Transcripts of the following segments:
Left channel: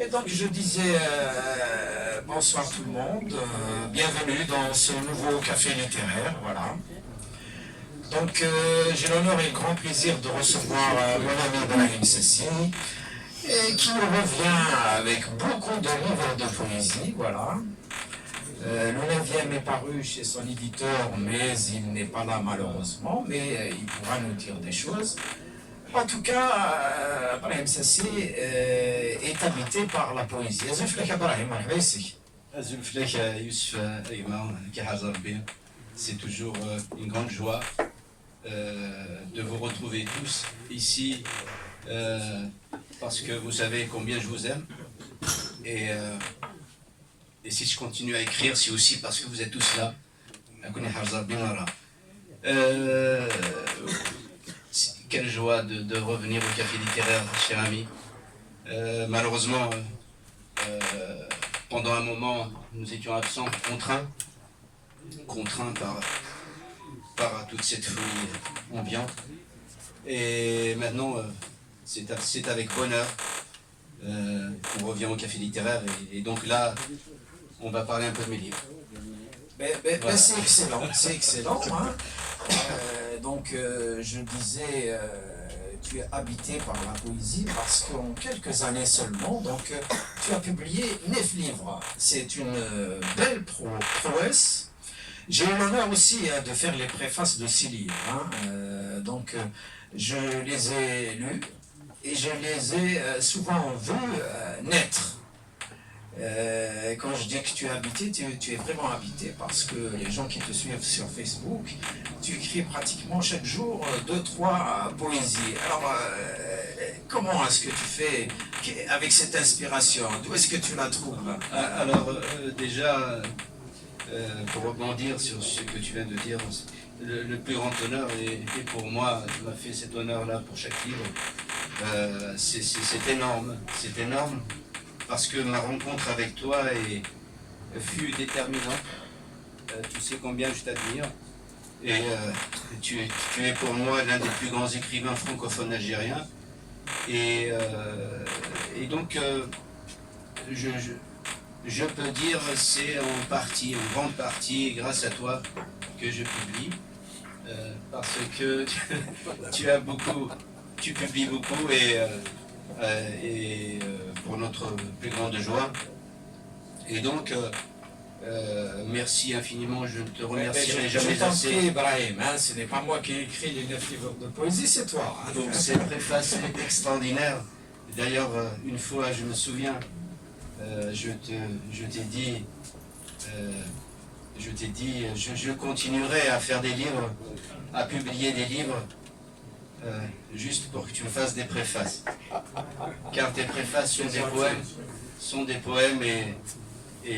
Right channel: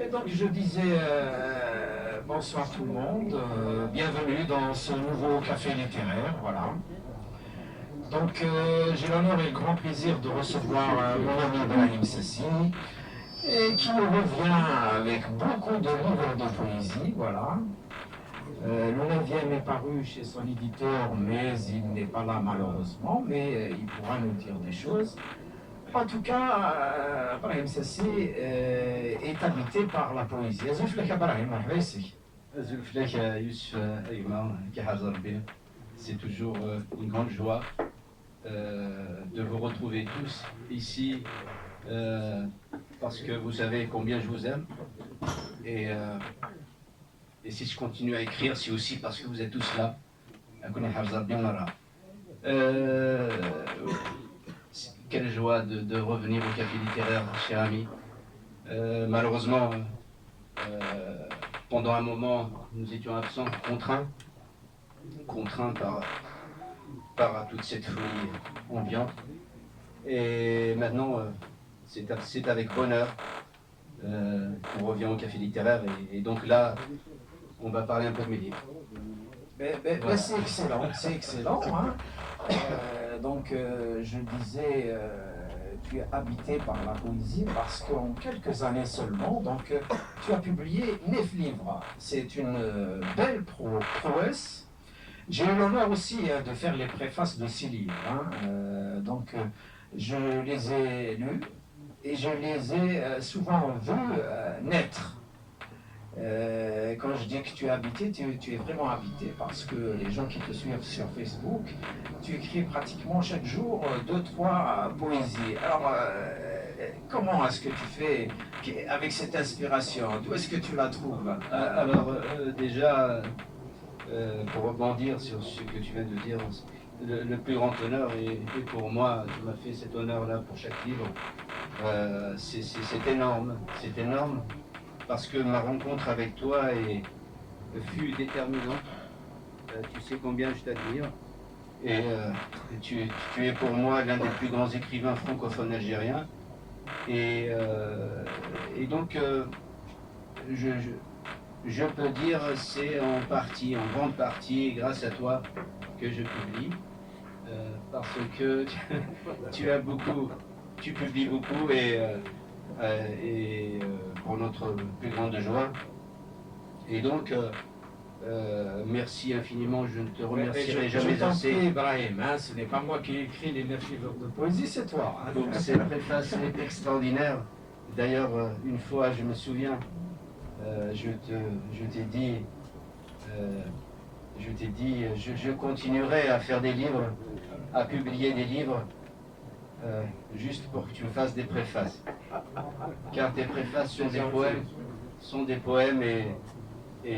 Et donc je disais bonsoir tout le monde, bienvenue dans ce nouveau café littéraire, voilà. Donc j'ai l'honneur et le grand plaisir de recevoir mon ami Brahim Sassi, et qui nous revient avec beaucoup de livres de poésie, voilà. Le 9e est paru chez son éditeur, mais il n'est pas là malheureusement, mais il pourra nous dire des choses. En tout cas, Brahim Sassi est habité par la poésie. Zulflek Youssef Ayman, c'est toujours une grande joie de vous retrouver tous ici parce que vous savez combien je vous aime et si je continue à écrire, c'est aussi parce que vous êtes tous là. Quelle joie de revenir au café littéraire, cher ami. Malheureusement, pendant un moment, nous étions absents, contraints par toute cette folie ambiante. Et maintenant, c'est avec bonheur qu'on revient au café littéraire. Et donc là, on va parler un peu de mes livres. Voilà. C'est excellent. Hein. Donc, je disais, tu es habité par la poésie parce qu'en quelques années seulement, donc, tu as publié 9 livres. C'est une belle prouesse. J'ai eu l'honneur aussi de faire les préfaces de 6 livres. Hein. Donc, je les ai lus et je les ai souvent vus naître. Quand je dis que tu es habité, tu es vraiment habité parce que les gens qui te suivent sur Facebook, tu écris pratiquement chaque jour 2-3 poésies. Alors, comment est-ce que tu fais avec cette inspiration? D'où est-ce que tu la trouves? Alors, déjà, pour rebondir sur ce que tu viens de dire, le plus grand honneur, et pour moi, tu m'as fait cet honneur-là pour chaque livre, c'est énorme, parce que ma rencontre avec toi fut déterminante. Tu sais combien je t'admire, et tu es pour moi l'un des plus grands écrivains francophones algériens, et donc je peux dire c'est en grande partie grâce à toi que je publie, parce que tu publies beaucoup et pour notre plus grande joie. Et donc, merci infiniment, je ne te remercierai jamais assez. Je t'en prie, Brahim, hein, ce n'est pas moi qui ai écrit les 9 livres de poésie, c'est toi. Hein. Pour cette préface extraordinaire. D'ailleurs, une fois, je me souviens, je t'ai dit, je continuerai à faire des livres, à publier des livres, juste pour que tu me fasses des préfaces. Car tes préfaces sont des poèmes et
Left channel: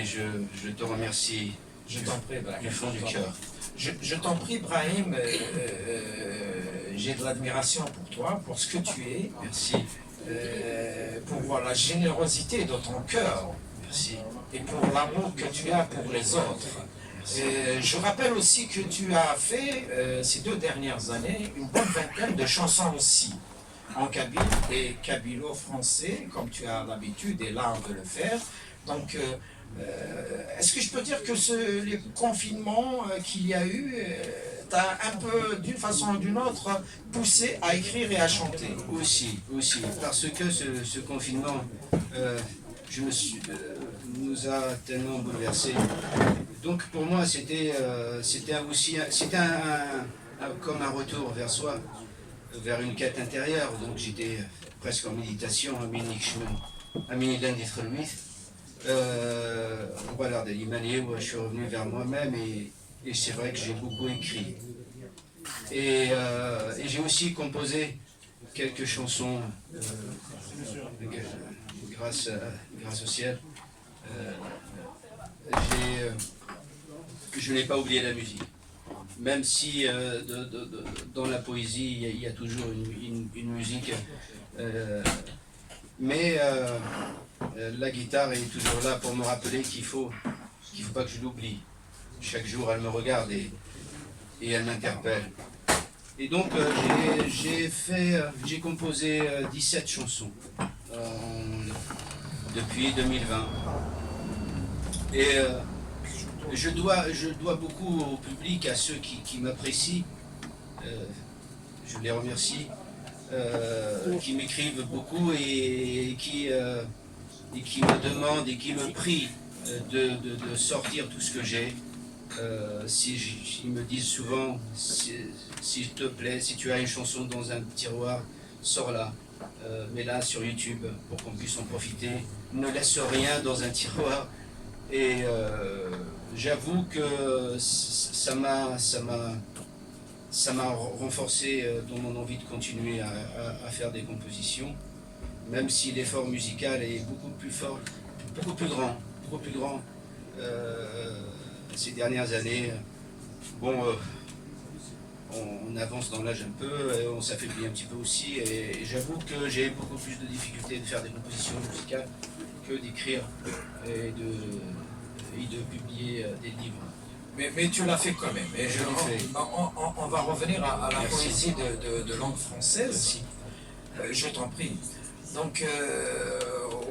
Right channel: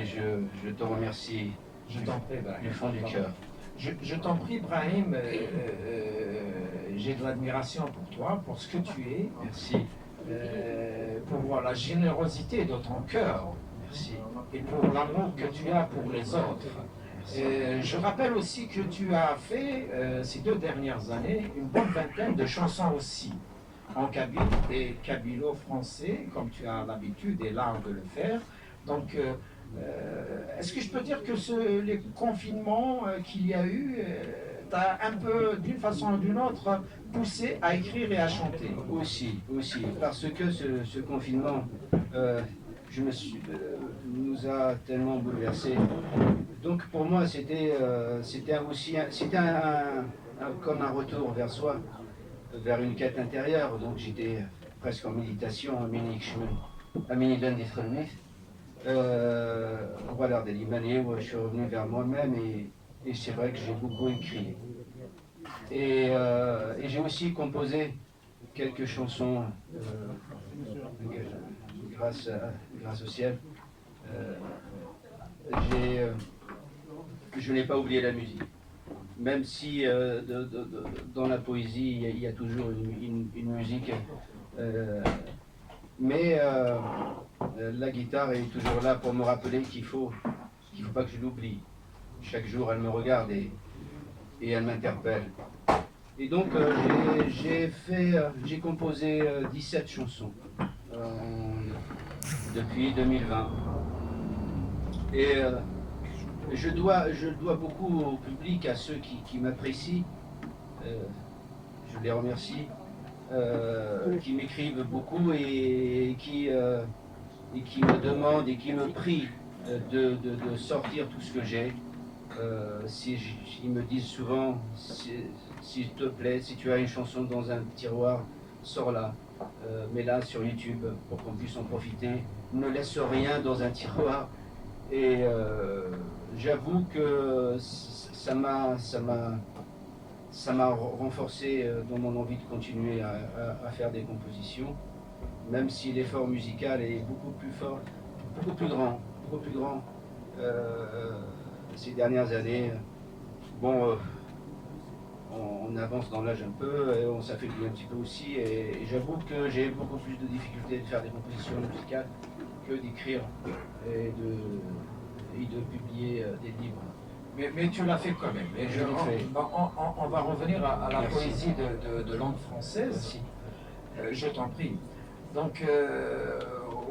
je te remercie du fond du cœur. Je t'en prie, Brahim, j'ai de l'admiration pour toi, pour ce que tu es. Merci. Pour la générosité de ton cœur. Merci. Et pour l'amour que tu as pour les autres. Je rappelle aussi que tu as fait, ces 2 dernières années, une bonne vingtaine de chansons aussi, en kabyle et kabylo-français, comme tu as l'habitude et l'art de le faire. Donc, est-ce que je peux dire que les confinements qu'il y a eu t'a un peu, d'une façon ou d'une autre, poussé à écrire et à chanter? Aussi, parce que ce confinement nous a tellement bouleversés. Donc pour moi, c'était comme un retour vers soi, vers une quête intérieure. Donc j'étais presque en méditation, voilà, de l'Imaniyé, où je suis revenu vers moi-même et c'est vrai que j'ai beaucoup écrit. Et j'ai aussi composé quelques chansons grâce au ciel. Je n'ai pas oublié la musique. Même si dans la poésie, il y a toujours une musique. Mais la guitare est toujours là pour me rappeler qu'il faut pas que je l'oublie. Chaque jour, elle me regarde et elle m'interpelle. Et donc, j'ai composé 17 chansons depuis 2020. Et je dois beaucoup au public, à ceux qui m'apprécient. Je les remercie, qui m'écrivent beaucoup et qui me demandent et qui me prient de sortir tout ce que j'ai. Ils me disent souvent, s'il te plaît, si tu as une chanson dans un tiroir, sors-la, mets-la sur YouTube pour qu'on puisse en profiter. Ne laisse rien dans un tiroir. Et j'avoue que ça m'a renforcé dans mon envie de continuer à faire des compositions, même si l'effort musical est beaucoup plus fort, beaucoup plus grand ces dernières années. Bon, on avance dans l'âge un peu, on s'affaiblit un petit peu aussi, et j'avoue que j'ai beaucoup plus de difficultés de faire des compositions musicales que d'écrire et de publier des livres. Mais tu l'as fait quand même. Et Je l'ai fait. On va revenir à la Merci. poésie de langue française. Merci. Je t'en prie. Donc,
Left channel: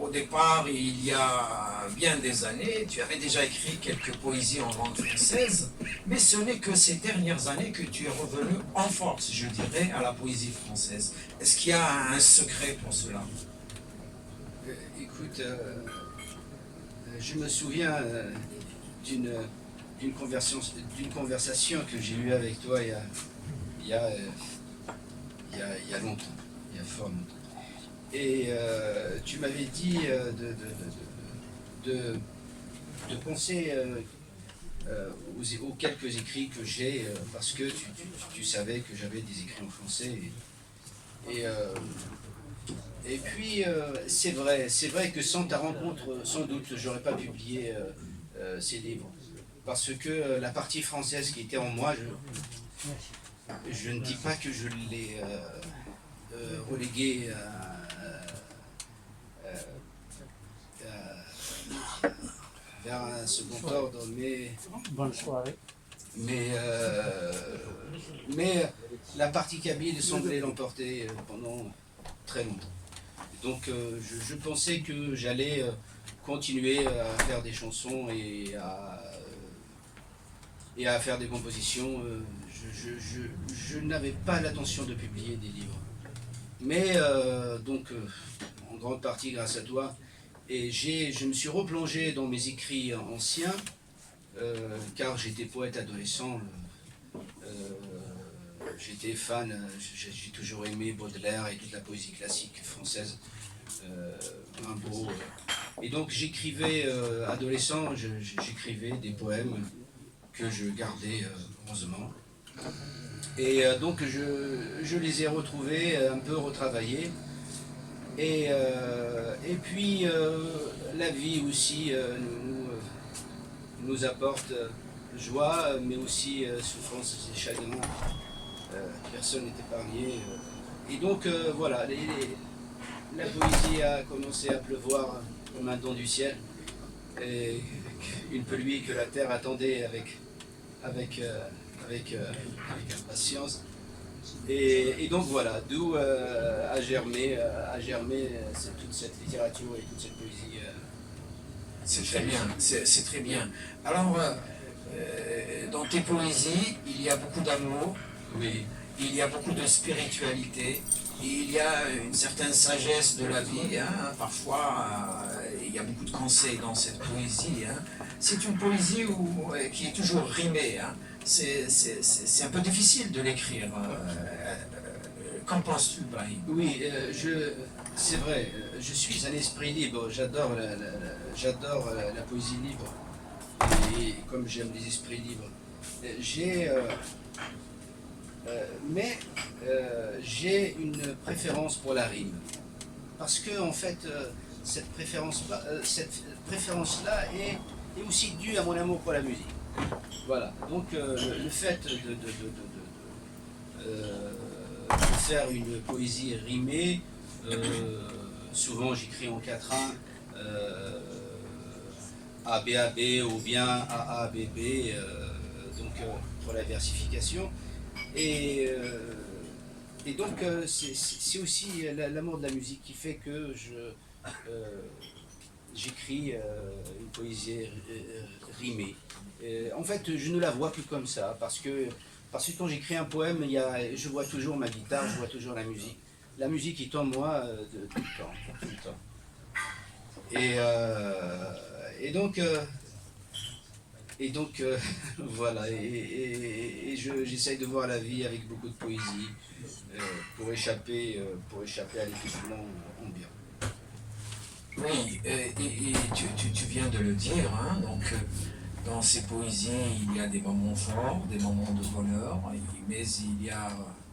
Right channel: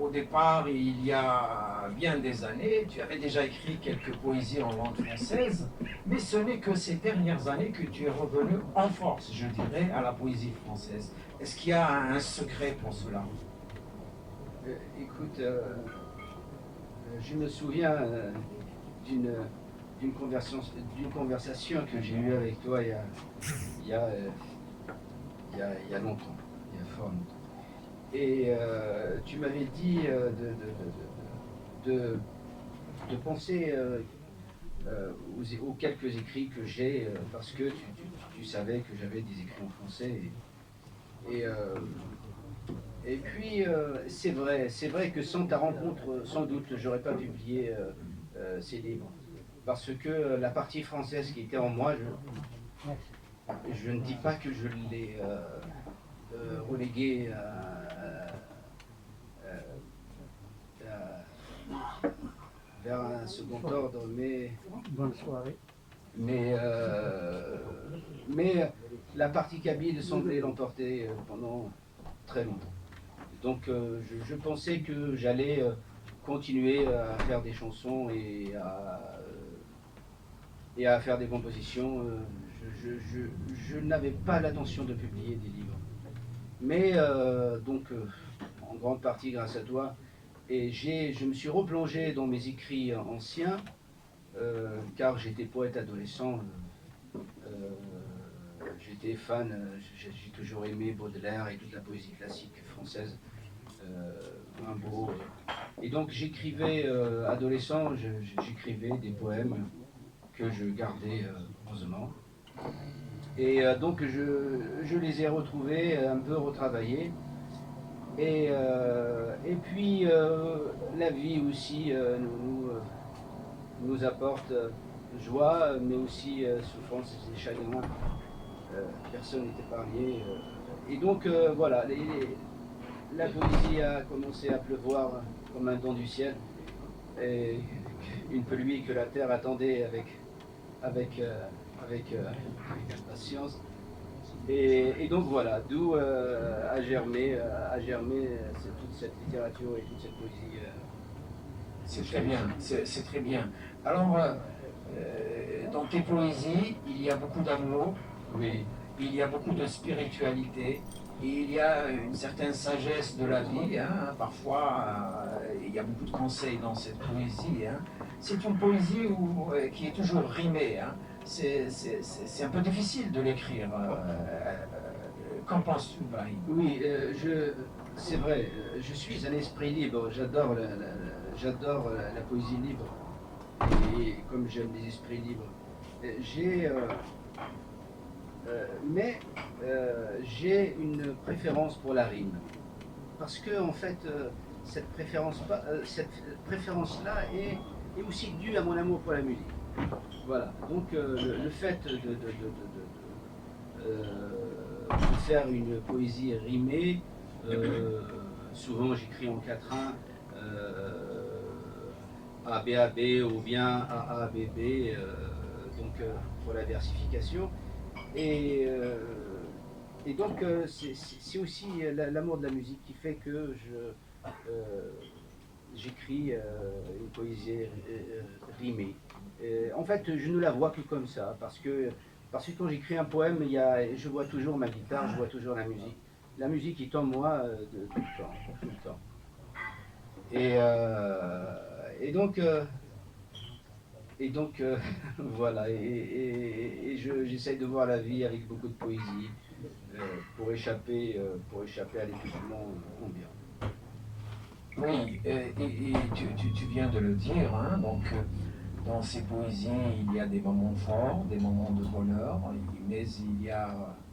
au départ, il y a bien des années, tu avais déjà écrit quelques poésies en langue française, mais ce n'est que ces dernières années que tu es revenu en force, je dirais, à la poésie française. Est-ce qu'il y a un secret pour cela? Écoute, je me souviens d'une conversation que j'ai eue avec toi il y a longtemps, il y a fort longtemps. Et tu m'avais dit de penser aux quelques écrits que j'ai, parce que tu savais que j'avais des écrits en français. Et puis, c'est vrai que sans ta rencontre, sans doute, j'aurais pas publié ces livres. Parce que la partie française qui était en moi, je ne dis pas que je l'ai reléguée vers un second ordre, Bonne soirée. mais la partie kabyle semblait l'emporter pendant très longtemps. Donc je pensais que j'allais continuer à faire des chansons et à faire des compositions. Je n'avais pas l'intention de publier des livres. Mais en grande partie grâce à toi, et je me suis replongé dans mes écrits anciens, car j'étais poète adolescent. J'étais fan, j'ai toujours aimé Baudelaire et toute la poésie classique française, Rimbaud. Et donc j'écrivais, adolescent, j'écrivais des poèmes que je gardais heureusement. Et donc je les ai retrouvés, un peu retravaillés. Et puis la vie aussi nous apporte joie, mais aussi souffrance et chagrin. Personne n'est épargné. Et donc voilà, la poésie a commencé à pleuvoir comme un don du ciel. Et une pluie que la terre attendait avec impatience. Et donc voilà, d'où a germé toute cette littérature et toute cette poésie. C'est très bien, c'est très bien. Alors, dans tes poésies, il y a beaucoup d'amour, Oui, il y a beaucoup de spiritualité, et il y a une certaine sagesse de la vie. Hein. Parfois, il y a beaucoup de conseils dans cette poésie. Hein. C'est une poésie qui est toujours rimée. Hein. C'est un peu difficile de l'écrire. Qu'en penses-tu, Brahim? oui, c'est vrai, je suis un esprit libre, j'adore la poésie libre, et comme j'aime les esprits libres. Mais j'ai une préférence pour la rime, parce que en fait, cette préférence-là est aussi due à mon amour pour la musique. Voilà, donc le fait de faire une poésie rimée, souvent j'écris en quatrain, A, B, A, B, ou bien A, A, B, B, donc pour la versification. Et donc c'est aussi l'amour de la musique qui fait que j'écris une poésie rimée. En fait, je ne la vois que comme ça, parce que quand j'écris un poème, je vois toujours ma guitare, je vois toujours la musique. La musique est en moi tout le temps, tout le temps. Et donc, voilà, j'essaye de voir la vie avec beaucoup de poésie pour échapper à l'étouffement ambiant. Oui, et tu viens de le dire, hein, donc dans ces poésies, il y a des moments forts, des moments de bonheur, mais il y a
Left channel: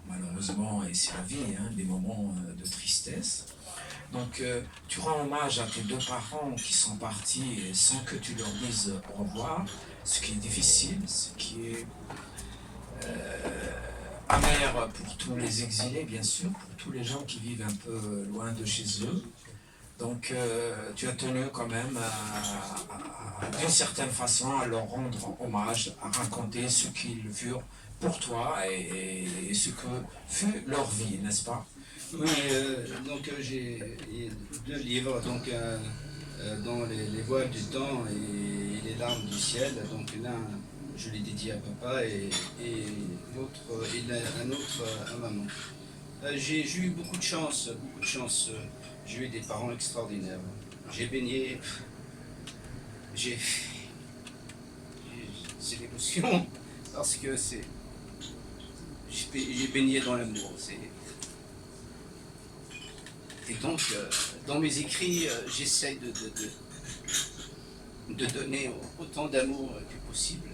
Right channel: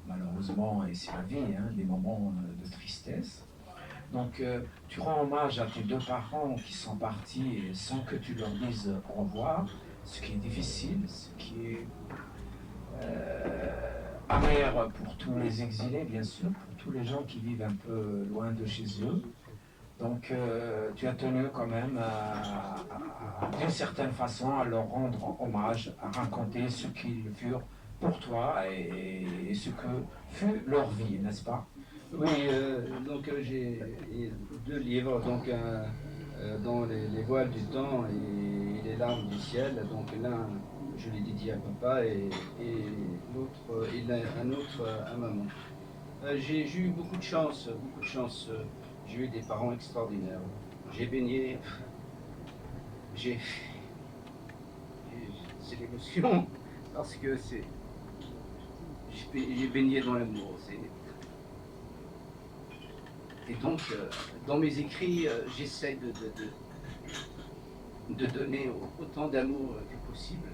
malheureusement, et c'est la vie, hein, des moments de tristesse. Donc tu rends hommage à tes deux parents qui sont partis sans que tu leur dises au revoir, ce qui est difficile, ce qui est amer pour tous les exilés, bien sûr, pour tous les gens qui vivent un peu loin de chez eux. Donc tu as tenu quand même d'une certaine façon à leur rendre hommage, à raconter ce qu'ils furent pour toi et ce que fut leur vie, n'est-ce pas? Oui, donc j'ai deux livres, donc dans les voiles du temps et les larmes du ciel. Donc l'un, je l'ai dédié à papa et l'autre, un autre à maman. J'ai eu beaucoup de chance, beaucoup de chance. J'ai eu des parents extraordinaires. J'ai baigné, c'est l'émotion parce que j'ai baigné dans l'amour. Et donc, dans mes écrits, j'essaie de donner autant d'amour que possible,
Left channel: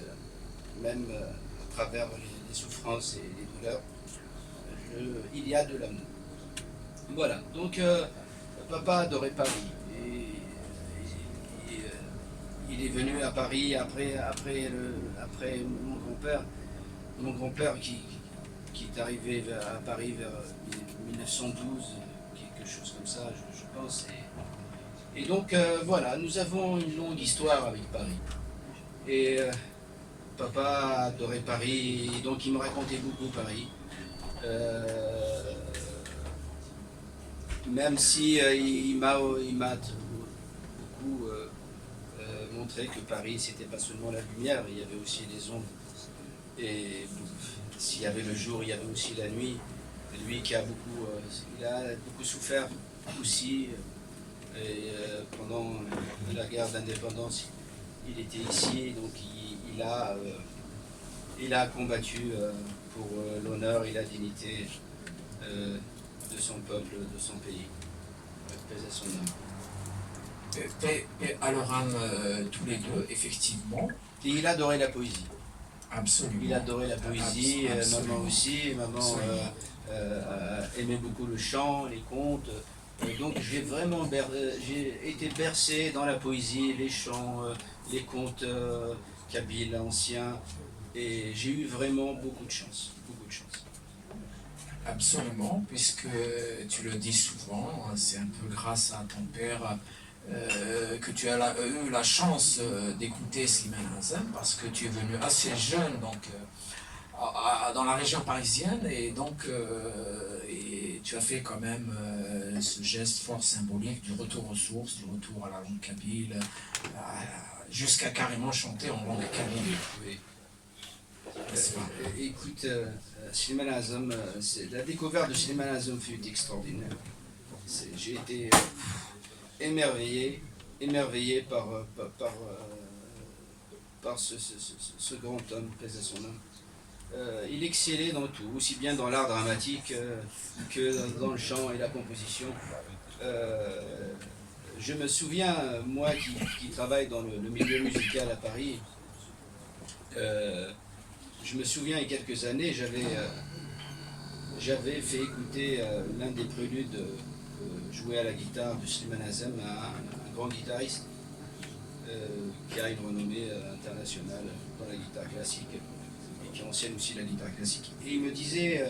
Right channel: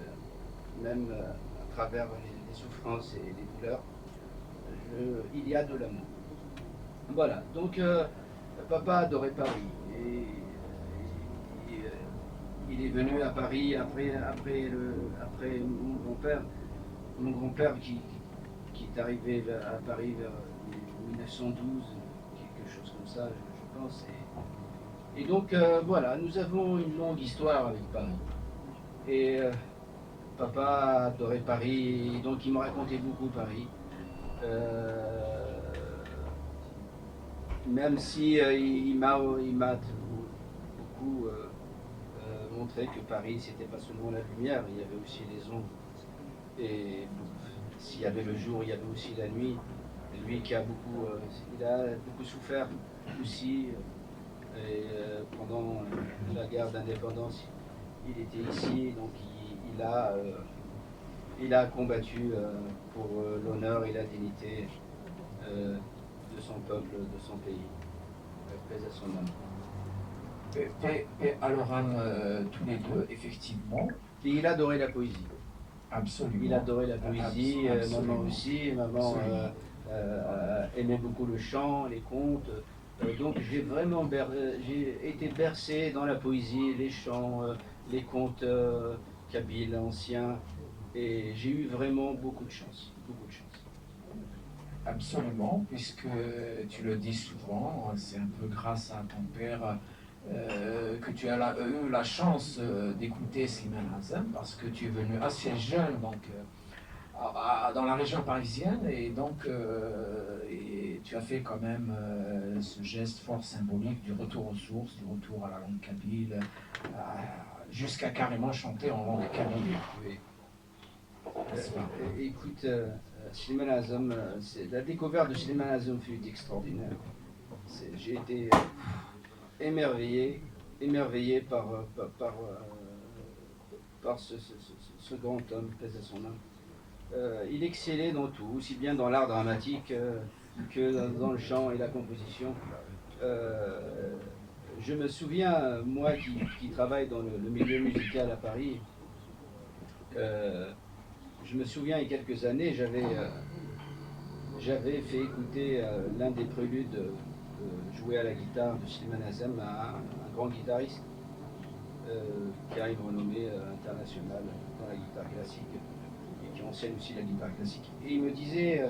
même à travers les souffrances et les douleurs. Il y a de l'amour. Voilà, donc papa adorait Paris. Et il est venu à Paris après mon grand-père qui est arrivé à Paris vers 1912. Quelque chose comme ça, je pense. Et donc, voilà, nous avons une longue histoire avec Paris. Et papa adorait Paris, donc il me racontait beaucoup Paris. Même si il m'a beaucoup montré que Paris, c'était pas seulement la lumière, il y avait aussi les ombres. Et s'il y avait le jour, il y avait aussi la nuit. Lui qui a beaucoup souffert aussi, et pendant la guerre d'indépendance, il était ici, donc il a combattu pour l'honneur et la dignité de son peuple, de son pays. Paix à son âme. Paix à leur âme tous les deux, effectivement. Et il adorait la poésie. Absolument. Il adorait la poésie, maman aussi, maman aimait beaucoup le chant, les contes. Donc j'ai été bercé dans la poésie, les chants, les contes kabyles anciens, et j'ai eu vraiment beaucoup de chance, beaucoup de chance. Absolument, puisque tu le dis souvent, c'est un peu grâce à ton père que tu as eu la chance d'écouter Slimane Azem, parce que tu es venu assez jeune donc, dans la région parisienne, et donc et tu as fait quand même ce geste fort symbolique du retour aux sources, du retour à la langue kabyle, jusqu'à carrément chanter en langue kabyle. Oui. Écoute, Slimane Azem, la découverte de Slimane Azem fut extraordinaire. J'ai été émerveillé par ce grand homme, paix à son âme. Il excellait dans tout, aussi bien dans l'art dramatique que dans le chant et la composition. Je me souviens, moi qui travaille dans le milieu musical à Paris, je me souviens il y a quelques années, j'avais fait écouter l'un des préludes joué à la guitare de Slimane Azem à un grand guitariste qui a une renommée internationale dans la guitare classique et qui enseigne aussi la guitare classique. Et il me disait,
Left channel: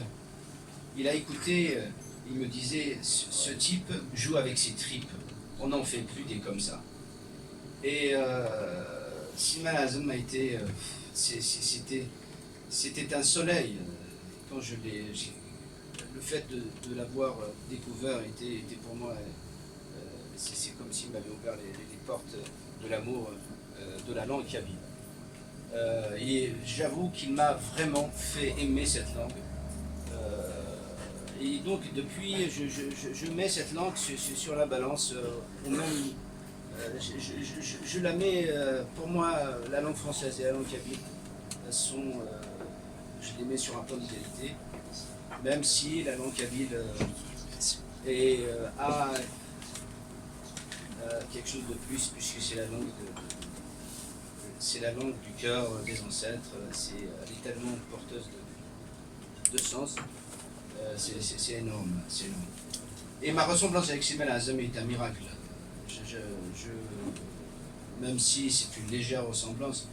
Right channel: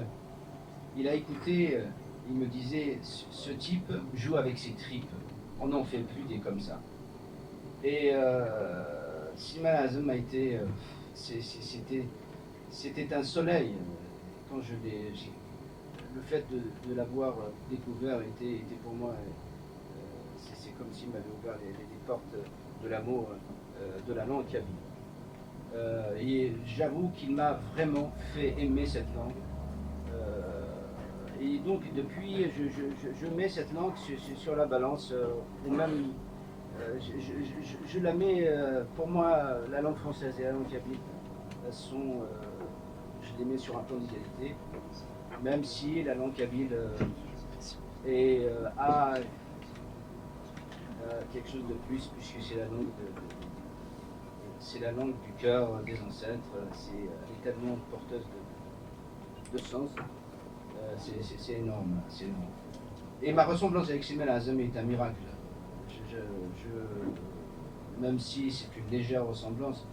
il a écouté, il me disait, ce type joue avec ses tripes, on n'en fait plus des comme ça. Et Slimane Azem a été, c'était un soleil. Quand le fait de l'avoir découvert était pour moi c'est comme s'il m'avait ouvert les portes de l'amour de la langue kabyle. Et j'avoue qu'il m'a vraiment fait aimer cette langue. Et donc depuis, je mets cette langue sur la balance, ou même je la mets, pour moi, la langue française et la langue kabyle sont, je les mets sur un plan d'égalité, même si la langue kabyle a quelque chose de plus, puisque c'est la langue c'est la langue du cœur des ancêtres, elle est tellement porteuse de sens, c'est énorme, c'est énorme. Et ma ressemblance avec Simel Azam est un miracle. Même si c'est une légère ressemblance,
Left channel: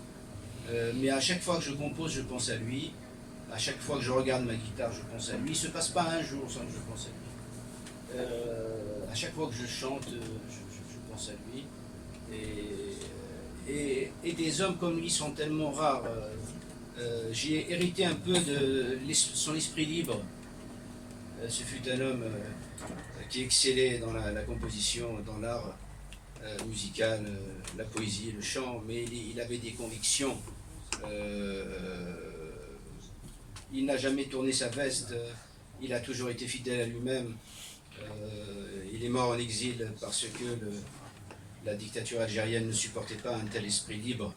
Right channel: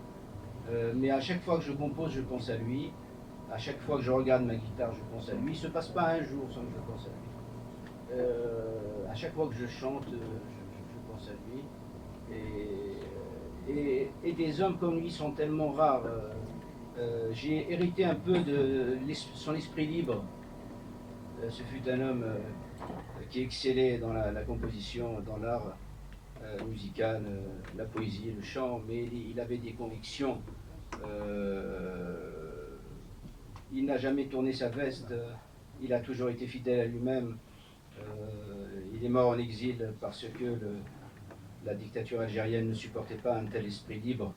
mais à chaque fois que je compose, je pense à lui. À chaque fois que je regarde ma guitare, je pense à lui. Il ne se passe pas un jour sans que je pense à lui. À chaque fois que je chante, je pense à lui. Et des hommes comme lui sont tellement rares. J'ai hérité un peu de son esprit libre. Ce fut un homme qui excellait dans la composition, dans l'art musical, la poésie, le chant, mais il avait des convictions. Il n'a jamais tourné sa veste, il a toujours été fidèle à lui-même. Il est mort en exil parce que la dictature algérienne ne supportait pas un tel esprit libre.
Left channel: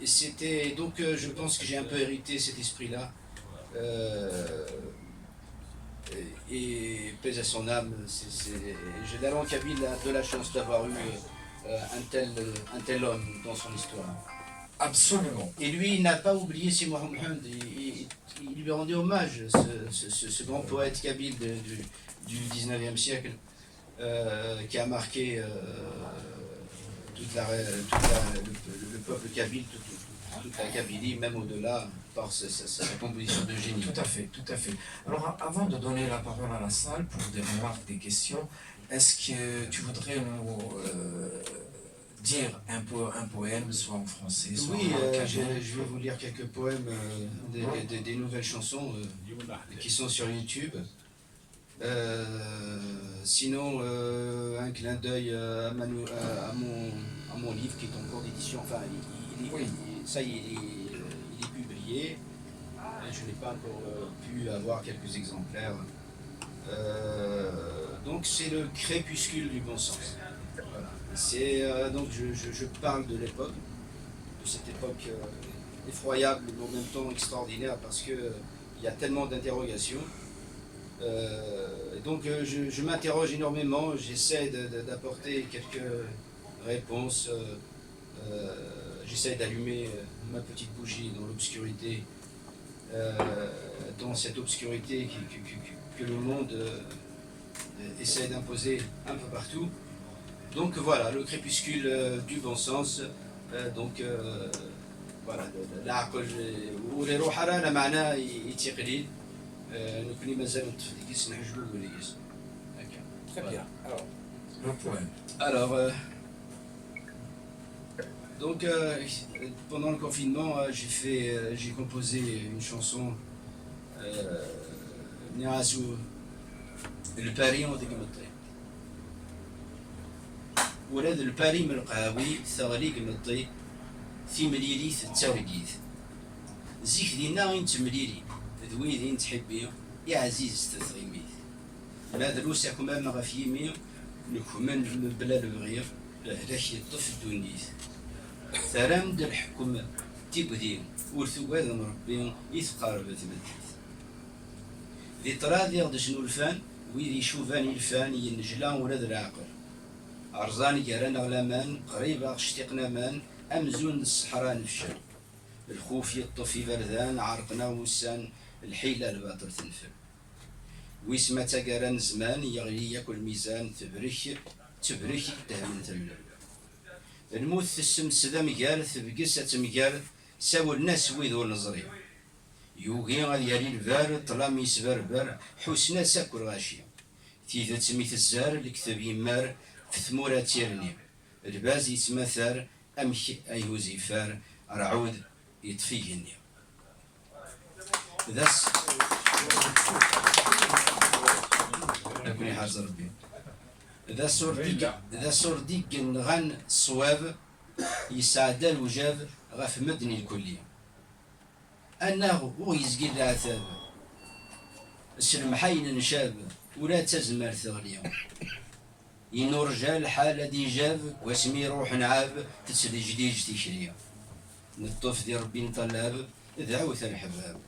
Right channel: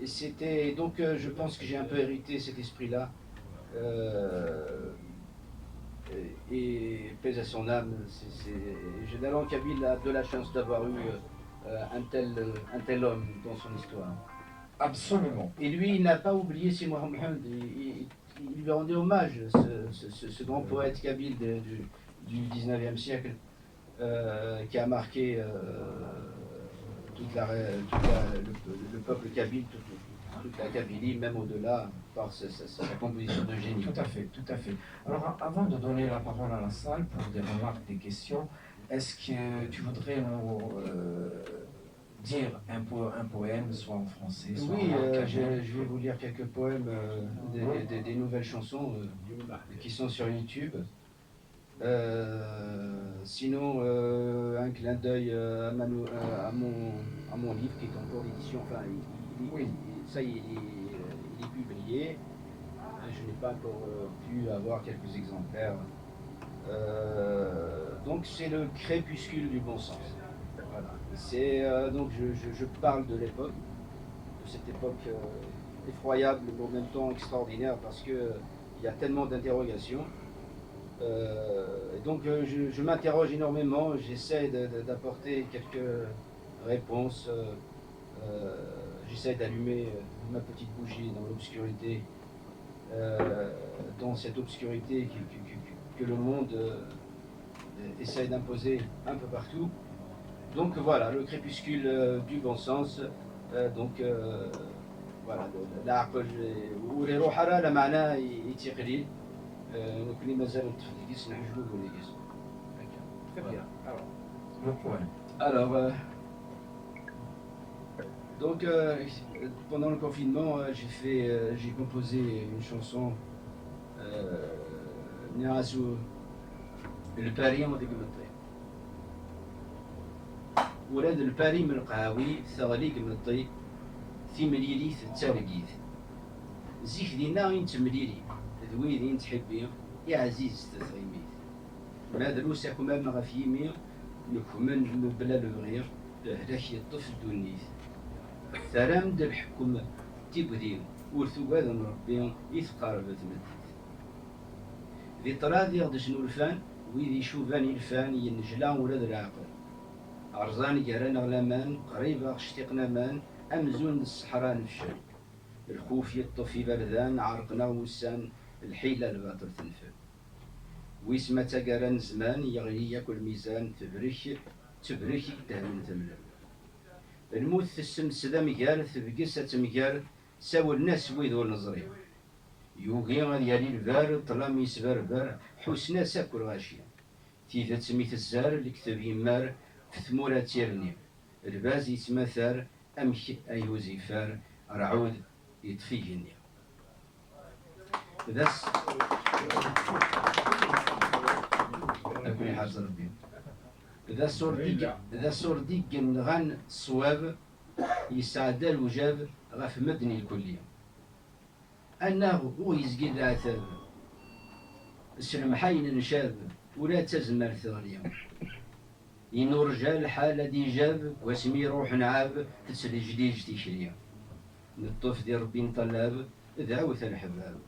Et c'était donc, je pense que j'ai un peu hérité cet esprit-là. Et pèse à son âme. La langue kabyle a de la chance d'avoir eu un tel homme dans son histoire. Absolument. Et lui, il n'a pas oublié Si Mohamed. Il lui rendait hommage, ce grand poète kabyle du 19e siècle, qui a marqué le peuple kabyle, toute la Kabylie, même au-delà, par sa composition de génie. Tout à fait, tout à fait. Alors, avant de donner la parole à la salle pour des remarques, des questions, est-ce que tu voudrais nous dire un poème, soit en français, soit oui, en je vais vous lire quelques poèmes, des nouvelles chansons qui sont sur YouTube. Sinon, un clin d'œil à mon livre qui est en cours d'édition. Enfin, ça y est, il est publié. Je n'ai pas encore pu avoir quelques exemplaires. Donc c'est le crépuscule du bon sens. Voilà. Donc je parle de l'époque, de cette époque effroyable mais en même temps extraordinaire parce que il y a tellement d'interrogations. Donc je m'interroge énormément, j'essaie d'apporter quelques réponses, j'essaie d'allumer ma petite bougie dans l'obscurité, dans cette obscurité que le monde essaie d'imposer un peu partout. Donc voilà, le crépuscule du bon sens. Donc voilà, العقل واللي روح راه لا معناه يتقليل نكوني مازال نتفديكس نحجبو وليكس. Très bien. Alors, le poème. Alors, donc pendant le confinement, j'ai composé une chanson نعاسو الباري وديك مطي ولاد الباري من القهاوي ثغليق مطي في مليليث التارقيث زيك دينا غين تمليلي ذوي دين تحبي يا عزيز تثغيميث ما دروس كمام غف يمي نكمن بلا لغير هلاك يطف الدونيث ثرام د الحكم تيبدين ورثواد ربي يثقارب ثمديث ذي طراد يغد شنو الفان ويذي شوفاني الفان ينجلان ولاد العقل عرزان جاران غلامان قريبة اشتقنا مان أمزون الصحراء نفشل الخوف يطفي بردان عرقنا وسان الحيلة الباطل تنفل ويسما تقارن زمان يغلي ياكل ميزان تبرك دهمن تملل الموت تسم سدا مقال تبقس تمقال ساول الناس ويذو النظري يوغي غادي يالي البار طلامي سبربر حسنا ساكل غاشي تيذا تسميت الزار الكتاب يمار في ثمورة تيرني الباز يتمثل أمك أيوزي فار رعود يطفيني ذس أكوني حاجة ربي ذا صورديك نغان الصواب يسعد الوجاب غف مدني الكلية أنه هو يزقي العتاب السلمحين نشاب ولا تزمر ثغريا إنو رجال حالة دي جاب واسمي روح نعاب تسلي جديد تشريا نطوف دي ربي نطلاب دعوة الحباب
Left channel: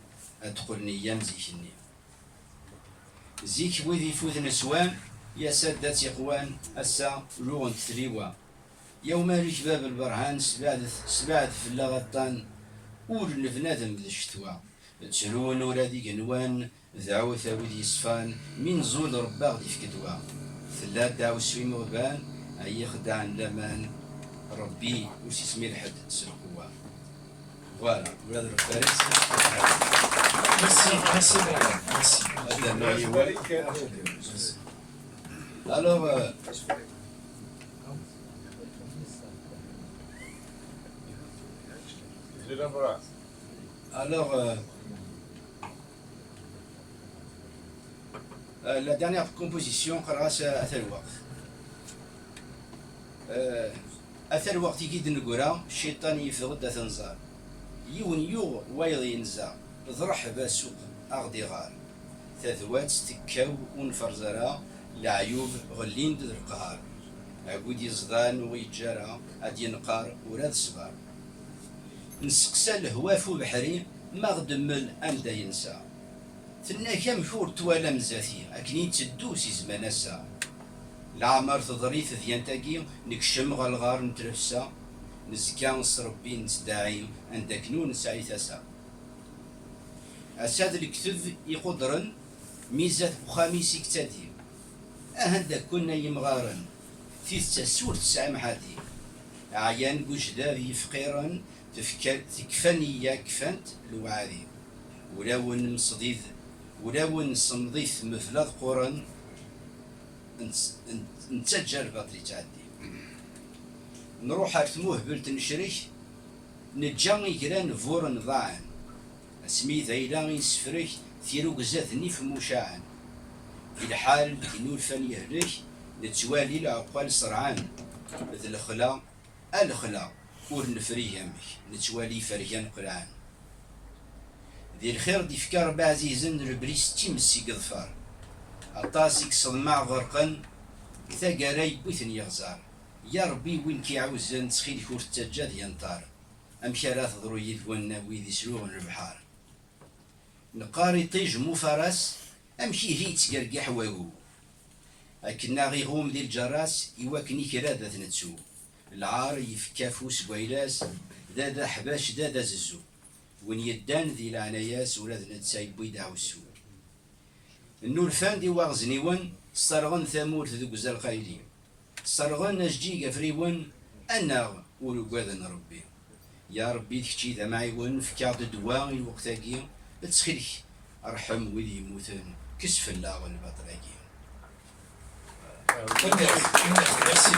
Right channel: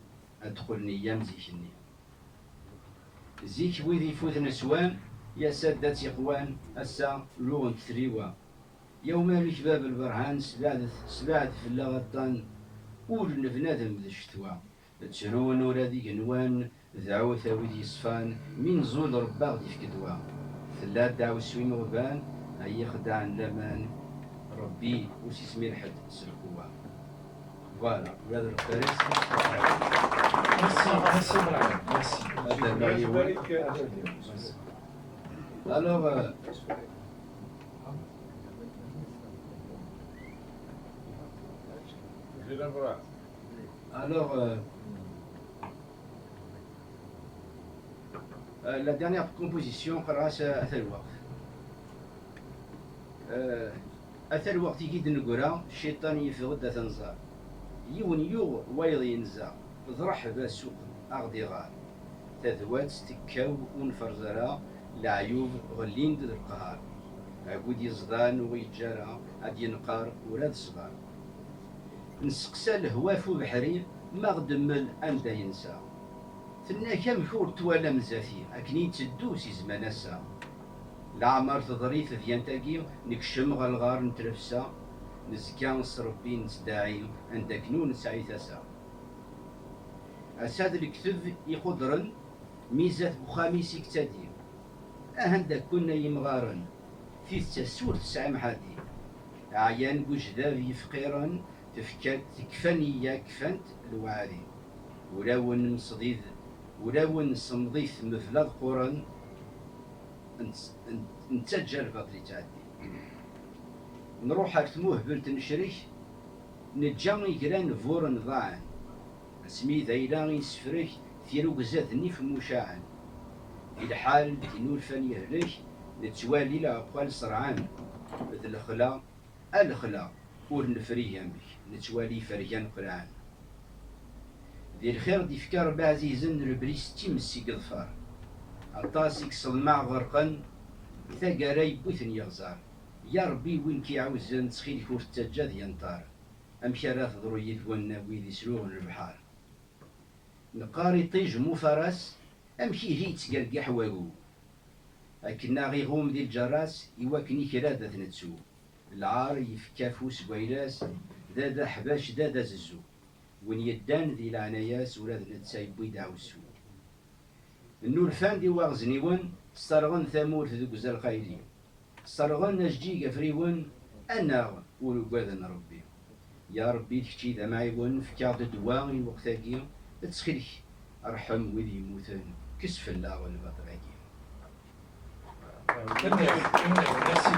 أدخل نيام زيكني زيك وذي فوت نسوان يا سادات إخوان أسا لغن تريوا يوم لك باب البرهان سبعد في اللغطان أول نفنادم ذي الشتوى تسرون ولا ذي قنوان ذعوة وذي صفان من زول رباغ دي فكدوا ثلاث دعو سويم غبان أي خدع لمان ربي وش اسمي الحد سرقوا فوالا وهذا الفارس Merci Brian, merci. هذا النوعي هو alors la dernière composition قراش أثر الوقت أثر الوقت يجي نقولها الشيطان يفرد أثنزار يون يو وايض ينزع ضرح باسوق أغدي غار تذوات تكاو ونفرزرا لعيوب غلين ذي القهار عقود يزدان ويتجارى عاد ينقار وراد صغار نسقسى الهواف بحري ما غدمل أمدا ينسى ثنا كم شور توالا مزاتي أكني تدوسي زمانسا العمر تضريث ذيانتاكي نكشم غالغار نترفسا نزكا نصربي نتداعي عندك نون سعي ثسا أساد الكتب يقدرن ميزات بخاميسي كتادي أهندك كنا يمغارن في تسور تسعى محادي عيان بوجداوي فقيرا تكفني يا كفنت الوعادي ولاون مصديد ولاون صمضيث مثلاث قرن نتسجل بطري تعدي نروح ارتموه بلت نشريك نجاني جران فورن ضاعن اسمي ذيلان يسفريك ثيرو قزاثني في مشاعن الحال كنور فان يهلك نتوالي لعقال سرعان مثل الخلا ورنفري يمك نتوالي فريان قرعان ذي الخير دي فكار بعزيزن ربريس تيمسي قظفار عطاسك صدمع غرقا ثقاري بوثن يغزار يا ربي وين كيعوزن تسخيل كور التجاد ينطار أمشارات ضرويد والناوي ذي سلوغن البحار نقاري طيج مو فرس أمشي هي تقرقح واقو أكنا غيغوم ذي الجراس يواكني كرادة نتسو العار يفكافو سقويلاس ذا حباش ذا ززو وين يدان ذي العناياس ولاد نتسايب بيدعو السو النور فاندي واغزنيون صرغن ثامور ذو قزال خايلي صرغن نجدي قفريون أنا ولقاذن ربي يا ربي تكتي ذا معيون فكاد الدواء الوقتاقي تسخيلك أرحم وذي يموتن كسف الله والبطراقي Merci.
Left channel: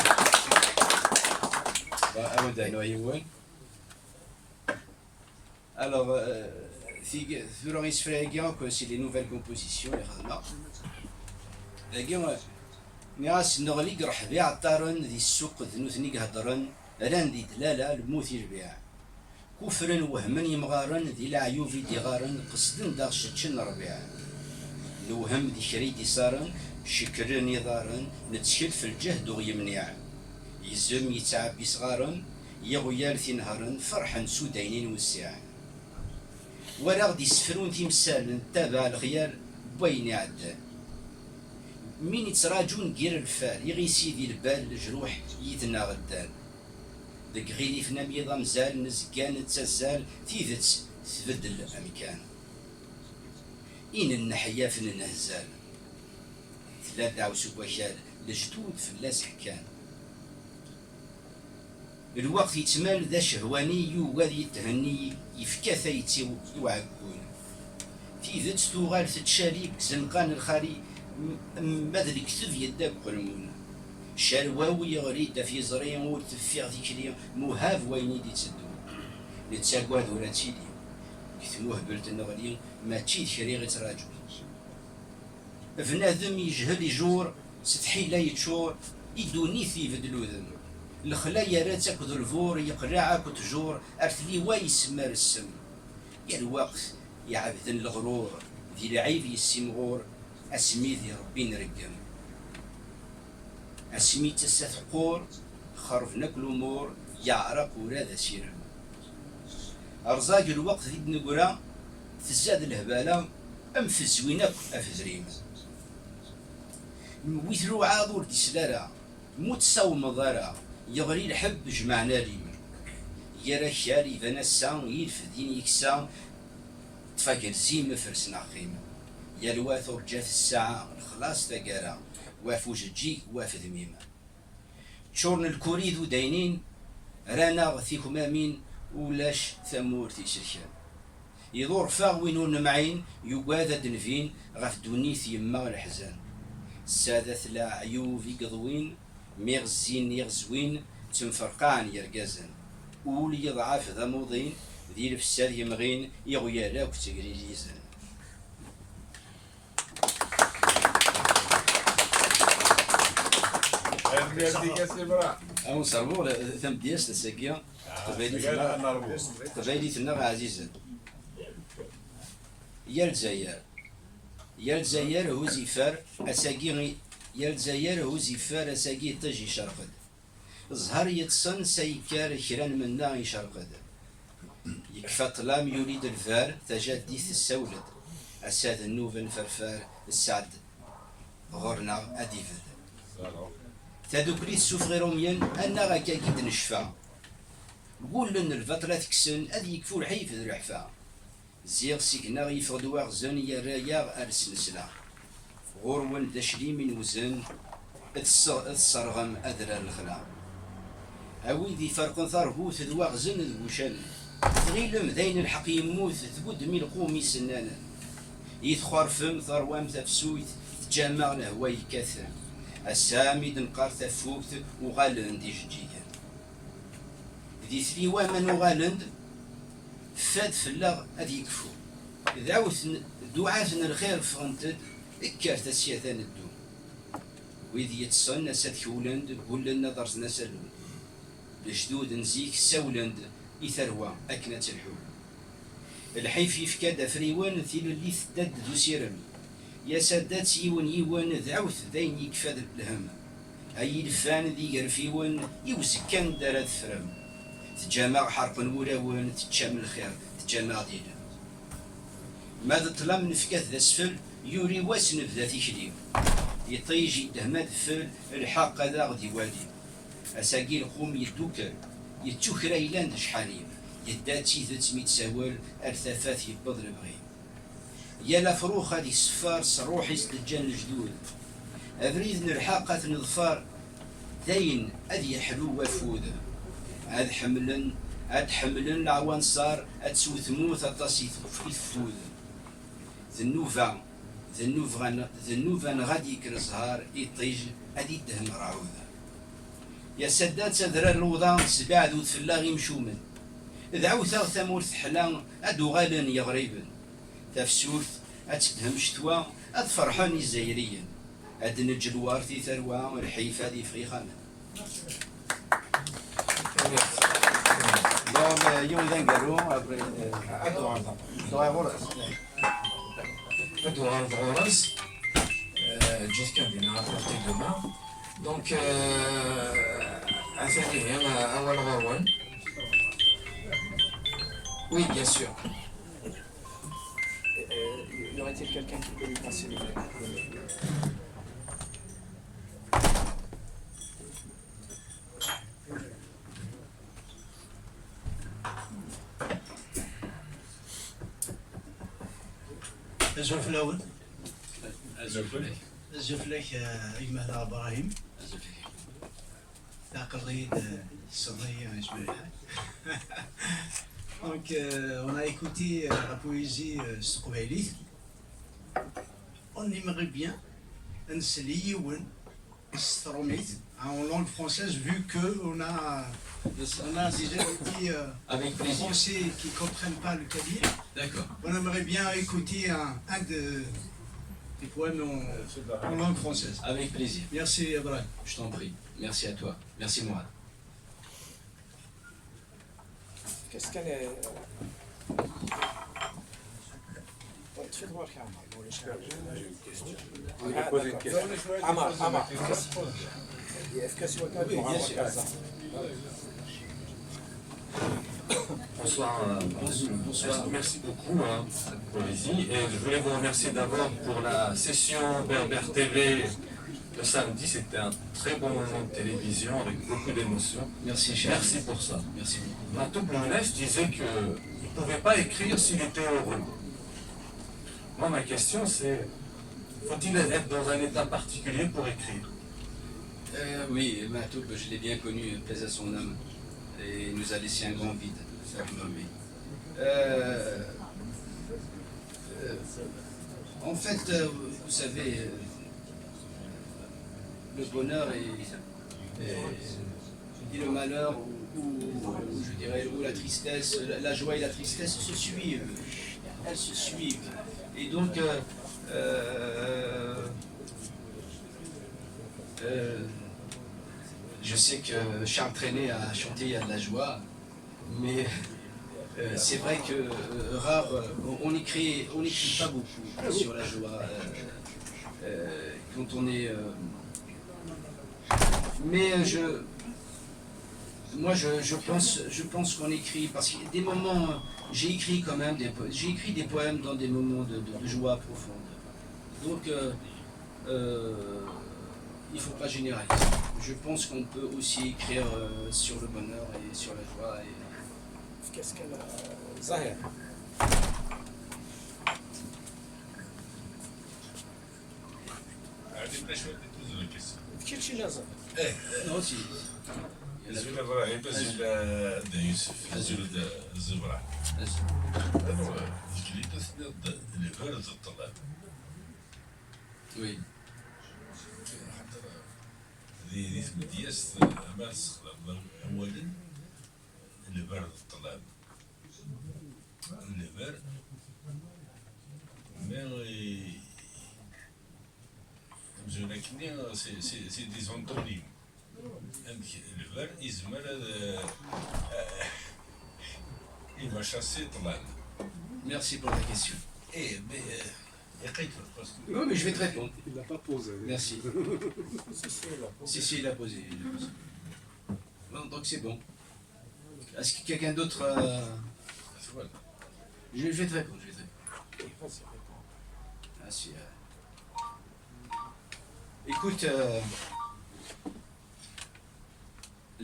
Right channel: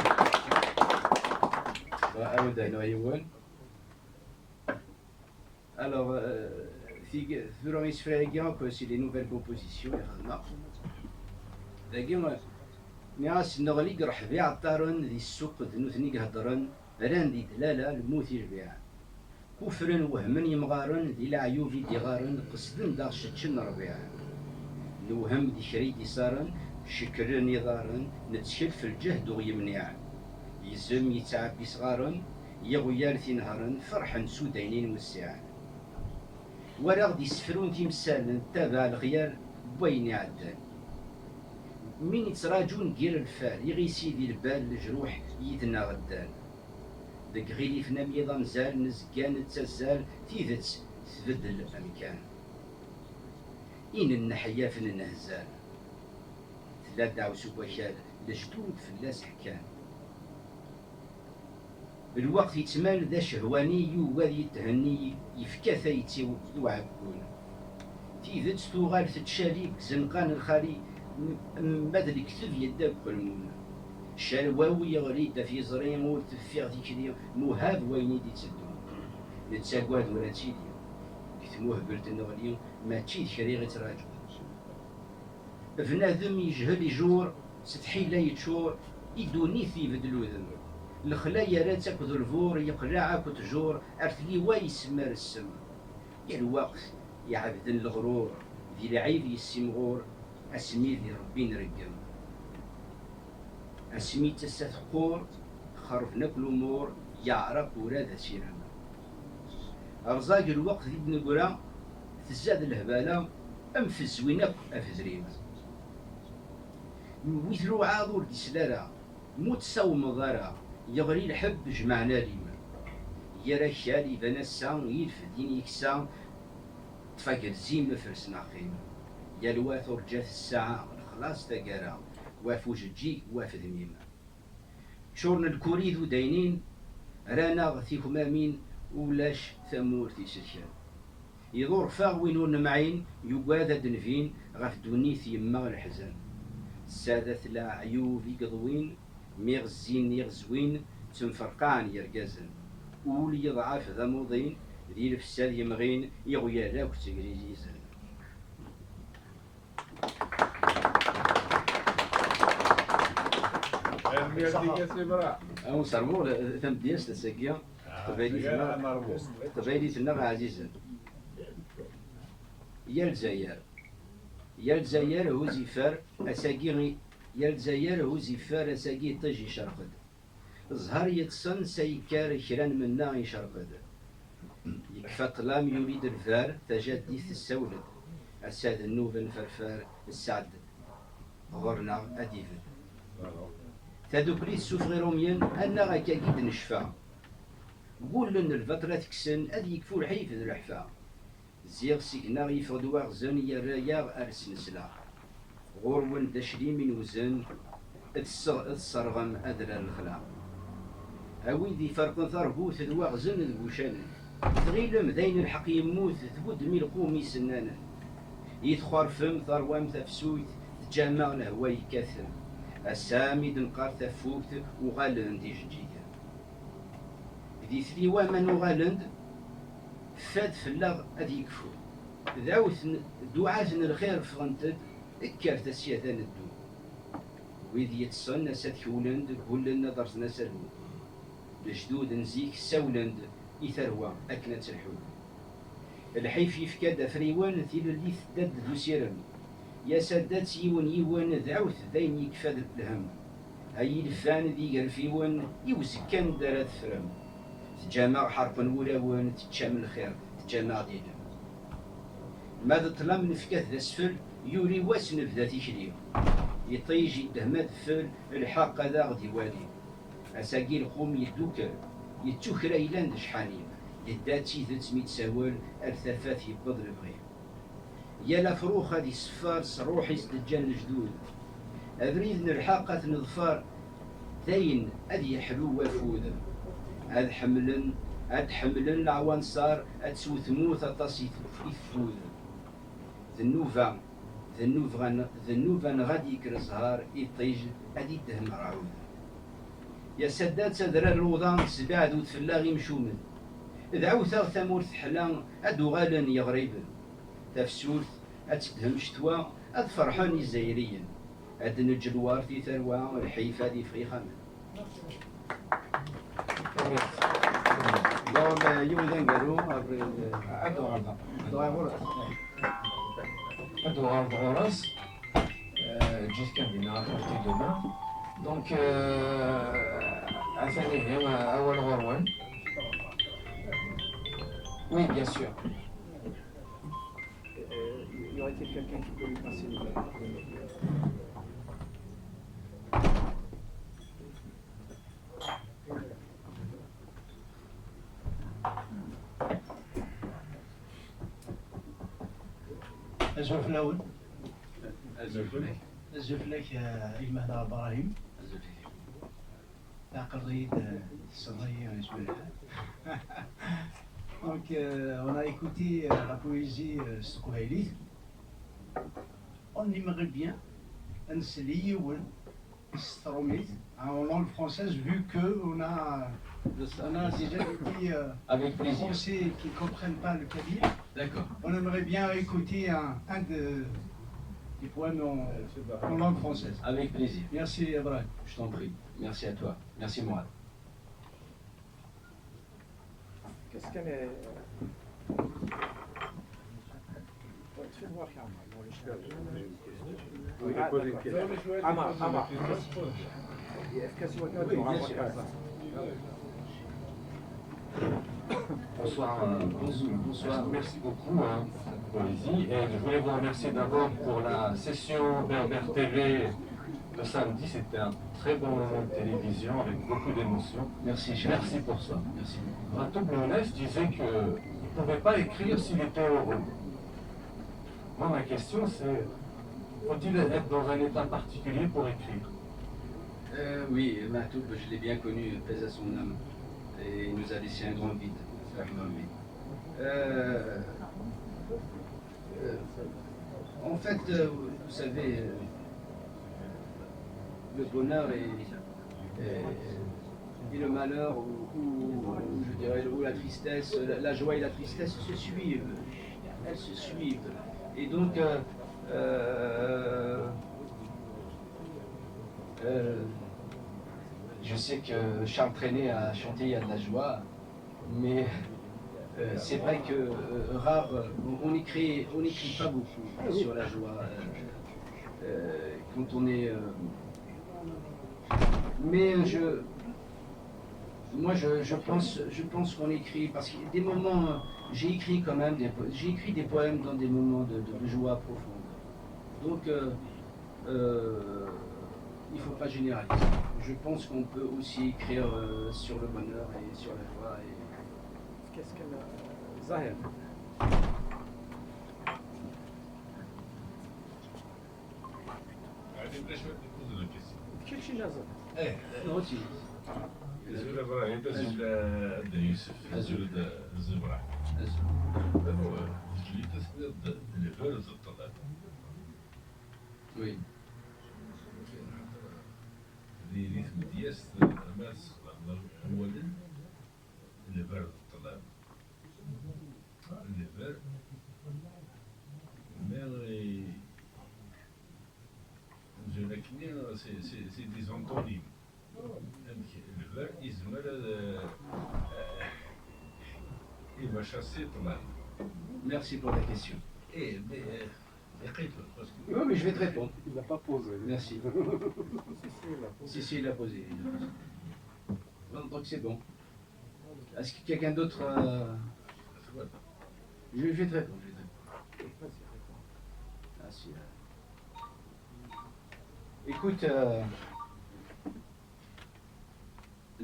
Alors, Floris Fréguin, c'est les nouvelles compositions, et ناس نغلق رح بيع الطارن ذي السوق ذنوثني قهدرن ران ذي دلالة الموت يربيع كفرن وهمن يمغارن ذي العيوب دي غارن قصدن داغ شتشن ربيع نوهم ذي شريدي صارن شكرن يضارن نتشل في الجهد ويمنع يزم يتعبي صغارن يغيال في نهارن فرحا سودينين والساعة وراغ دي سفرون تمثال نتابع الخيال بين يعدل مين يتراجون غير الفال يغي سيدي البال الجروح يدنا غدان دك غيلي فنا ميضا مزال نزكان تزال تيذت تبدل الامكان إن النحيا فن النهزال ثلاث عوسو بشال لجدود في اللاس حكان الوقت يتمال ذا شهواني يوغاد يتهني يفكا ثيتي يوعقون تيذت ثوغال تتشالي زنقان الخالي ماذا كتب يدك قلمون شالواو يغريد في زرين وتفيغ ذيك مهاف ويني دي تسدون نتساقواد ولا تيلي كتموه بلت النغلي ما تشيد شريغة راجو بنادم يجهل يجور ستحي لا يتشور يدوني في بدلو ذم الخلايا رات اكد الفور يقلع اكد جور ارثلي ويسمر السم يا الوقت يا عبد الغرور ذي العيب يسمغور اسمي ذي ربي نرقم اسمي تسثقور خرفنا كل امور يعرق ورا ذا سيرم ارزاق الوقت ذي بنقرا تزاد الهباله ام في الزوينه افزريم ويثرو عاضور دي سلالة موت ساو مضارا يغري الحب جمعنا ليمن يرى خالي فنسا يلفدين يكسا تفاكر زيم فرسنا خيم يا الواثر جات الساعة الخلاص تقارا وافوج تجي وافد ميمة شورن الكوريد وداينين رانا غثيكم امين ولاش ثمور تيسركان يدور فاغ وينون معين يقاذا دنفين غف دونيث يما الحزان السادة لا عيوب يقضوين ميغزين يغزوين تنفرقان يرقزن ولي يضعف ذا موضين ذي الفساد يمغين يغويا لاك تقري ليزن أو نصربو ثم دياس تساقيا قبايلي تنغ عزيزا يا الجزائر يا الجزائر هو زفار أساقي يا الجزائر هو زفار أساقي طجي شرقد زهر يتصن سيكار كران منا يشرقد يكفى طلام يوليد الفار تجديث السولد أساد النوفن فرفار السعد غرنا أديفد تدوكري السوف روميان أنا غاكاكيد نشفى قول لن الفترة تكسن أدي يكفو الحيف الرحفة زيغ سيكنا يفرد واغزن يا رايا أرس نسلا غورون دشري من وزن الصرغم أدرى الخلا أوي ذي فرق ثربوث ذواغزن ذوشان تغيلم ذين الحق يموت ثبود مي القومي سنانا يتخور فم ثروام تفسويت تجمع لهواي كثر السامي دنقار تفوت وغالن دي جديا ذي ثري وامن وغالند فاد فلاغ أدي يكفو دعوت دعاتنا الخير فغنتد اكرت السياثان الدو ويذ يتصن نسات كولند بولن نظرت نسالون الجدود نزيك سولند إثروا أكنة الحول الحيف يفكاد فريوان ثيل اللي ثدد ذو سيرم يا سادات يون ذعوت ذين يكفاد الهم هاي الفان ذي يرفيون يوزكان دارت فرم تجمع حرق ولاون تتشام الخير تجمع دينا ماذا طلام نفكات ذا سفل يوري واسن بذا تيشريم يطيجي دهمات فل الحق ذا غدي والي أساقي القوم يدوكر يتوكر أيلان شحاليم يداتي ذات ميت ساول أرثافات يبض البغيم يا لفروخ هادي السفار صروح يسلجان الجدود أبريد نرحاقة نظفار داين أدي حلو وفود هاد حملن العوان صار أتسو ثموث أطاسي يفود ذنوفا غادي كرزهار يطيج أدي دهم رعوذ يا سدات سدرا الوضان سبع ذو تفلاغي مشومن ذعوثا ثمورث حلان أدو غالن يغريبن تفسوث أتدهم شتوا أدفرحان الزايريا أدنج الوارثي ثروة والحيفة دي فغيخامن دون يوم ذنقرو Ado Alvaras, jusqu'à venir apporter demain. Donc, Awal Rawan. Oui, bien sûr. Y aurait-il quelqu'un qui peut lui passer le الزول في الأول الزفلك الزفلك يمهلا إبراهيم لا قضية الصدرية اسمها. Donc on a écouté la poésie Stokouaili. On aimerait bien un Seliyoun Stromit en langue française vu qu'on a déjà des avec plaisir. Français qui ne comprennent pas le kabyle. D'accord. On aimerait bien écouter un de des poèmes en langue française. Avec plaisir. Merci, Abraham. Je t'en prie. Merci à toi. Merci Mourad. Qu'est-ce qu'elle est تفضل بارك Oui, il pose une question. عمر Oui, bien sûr. Bonsoir. Bonsoir. Merci beaucoup, Poésie. Et je voulais vous remercier d'abord pour la session Berbère TV le samedi. C'était un très bon moment de télévision avec beaucoup d'émotions. Merci, cher. Merci pour ça. Merci beaucoup. Ratou Blounès disait qu'il ne pouvait pas écrire s'il était heureux. Moi, ma question, c'est faut-il être dans un état particulier pour écrire? Oui, Mahtoub, je l'ai bien connu, pèse à son âme, et il nous a laissé un grand vide. En fait, vous savez, le bonheur et le malheur, ou je dirais, ou la tristesse, la joie et la tristesse se suivent. Elles se suivent. Et donc, je sais que Charles Trenet a chanté Il y a de la joie, mais c'est vrai que rare, on n'écrit pas beaucoup sur la joie quand on est. Mais moi je pense qu'on écrit parce qu'il y a des moments. J'ai écrit quand même j'ai écrit des poèmes dans des moments de joie profonde. Donc il ne faut pas généraliser. Je pense qu'on peut aussi écrire sur le bonheur et sur la joie. qu'est-ce qu'elle Zahir كل شيء لازم Non, si. زول ابراهيم زول يوسف زول الزبرة هذا جريدة لفرز الطلاب Oui. ذي دياس ما استخدم اولا لفرز الطلاب لفر mais لكني سي دي زونتونيم الفر يزمر إما شاسي طلال Merci pour ta question. إيه يقيت باسكو Oui, mais je vais te répondre. il l'a pas posé Merci. si Si, il l'a posé. Bon, donc c'est bon. Est-ce que quelqu'un d'autre. Je vais te répondre. vas-y Ah, si, Écoute,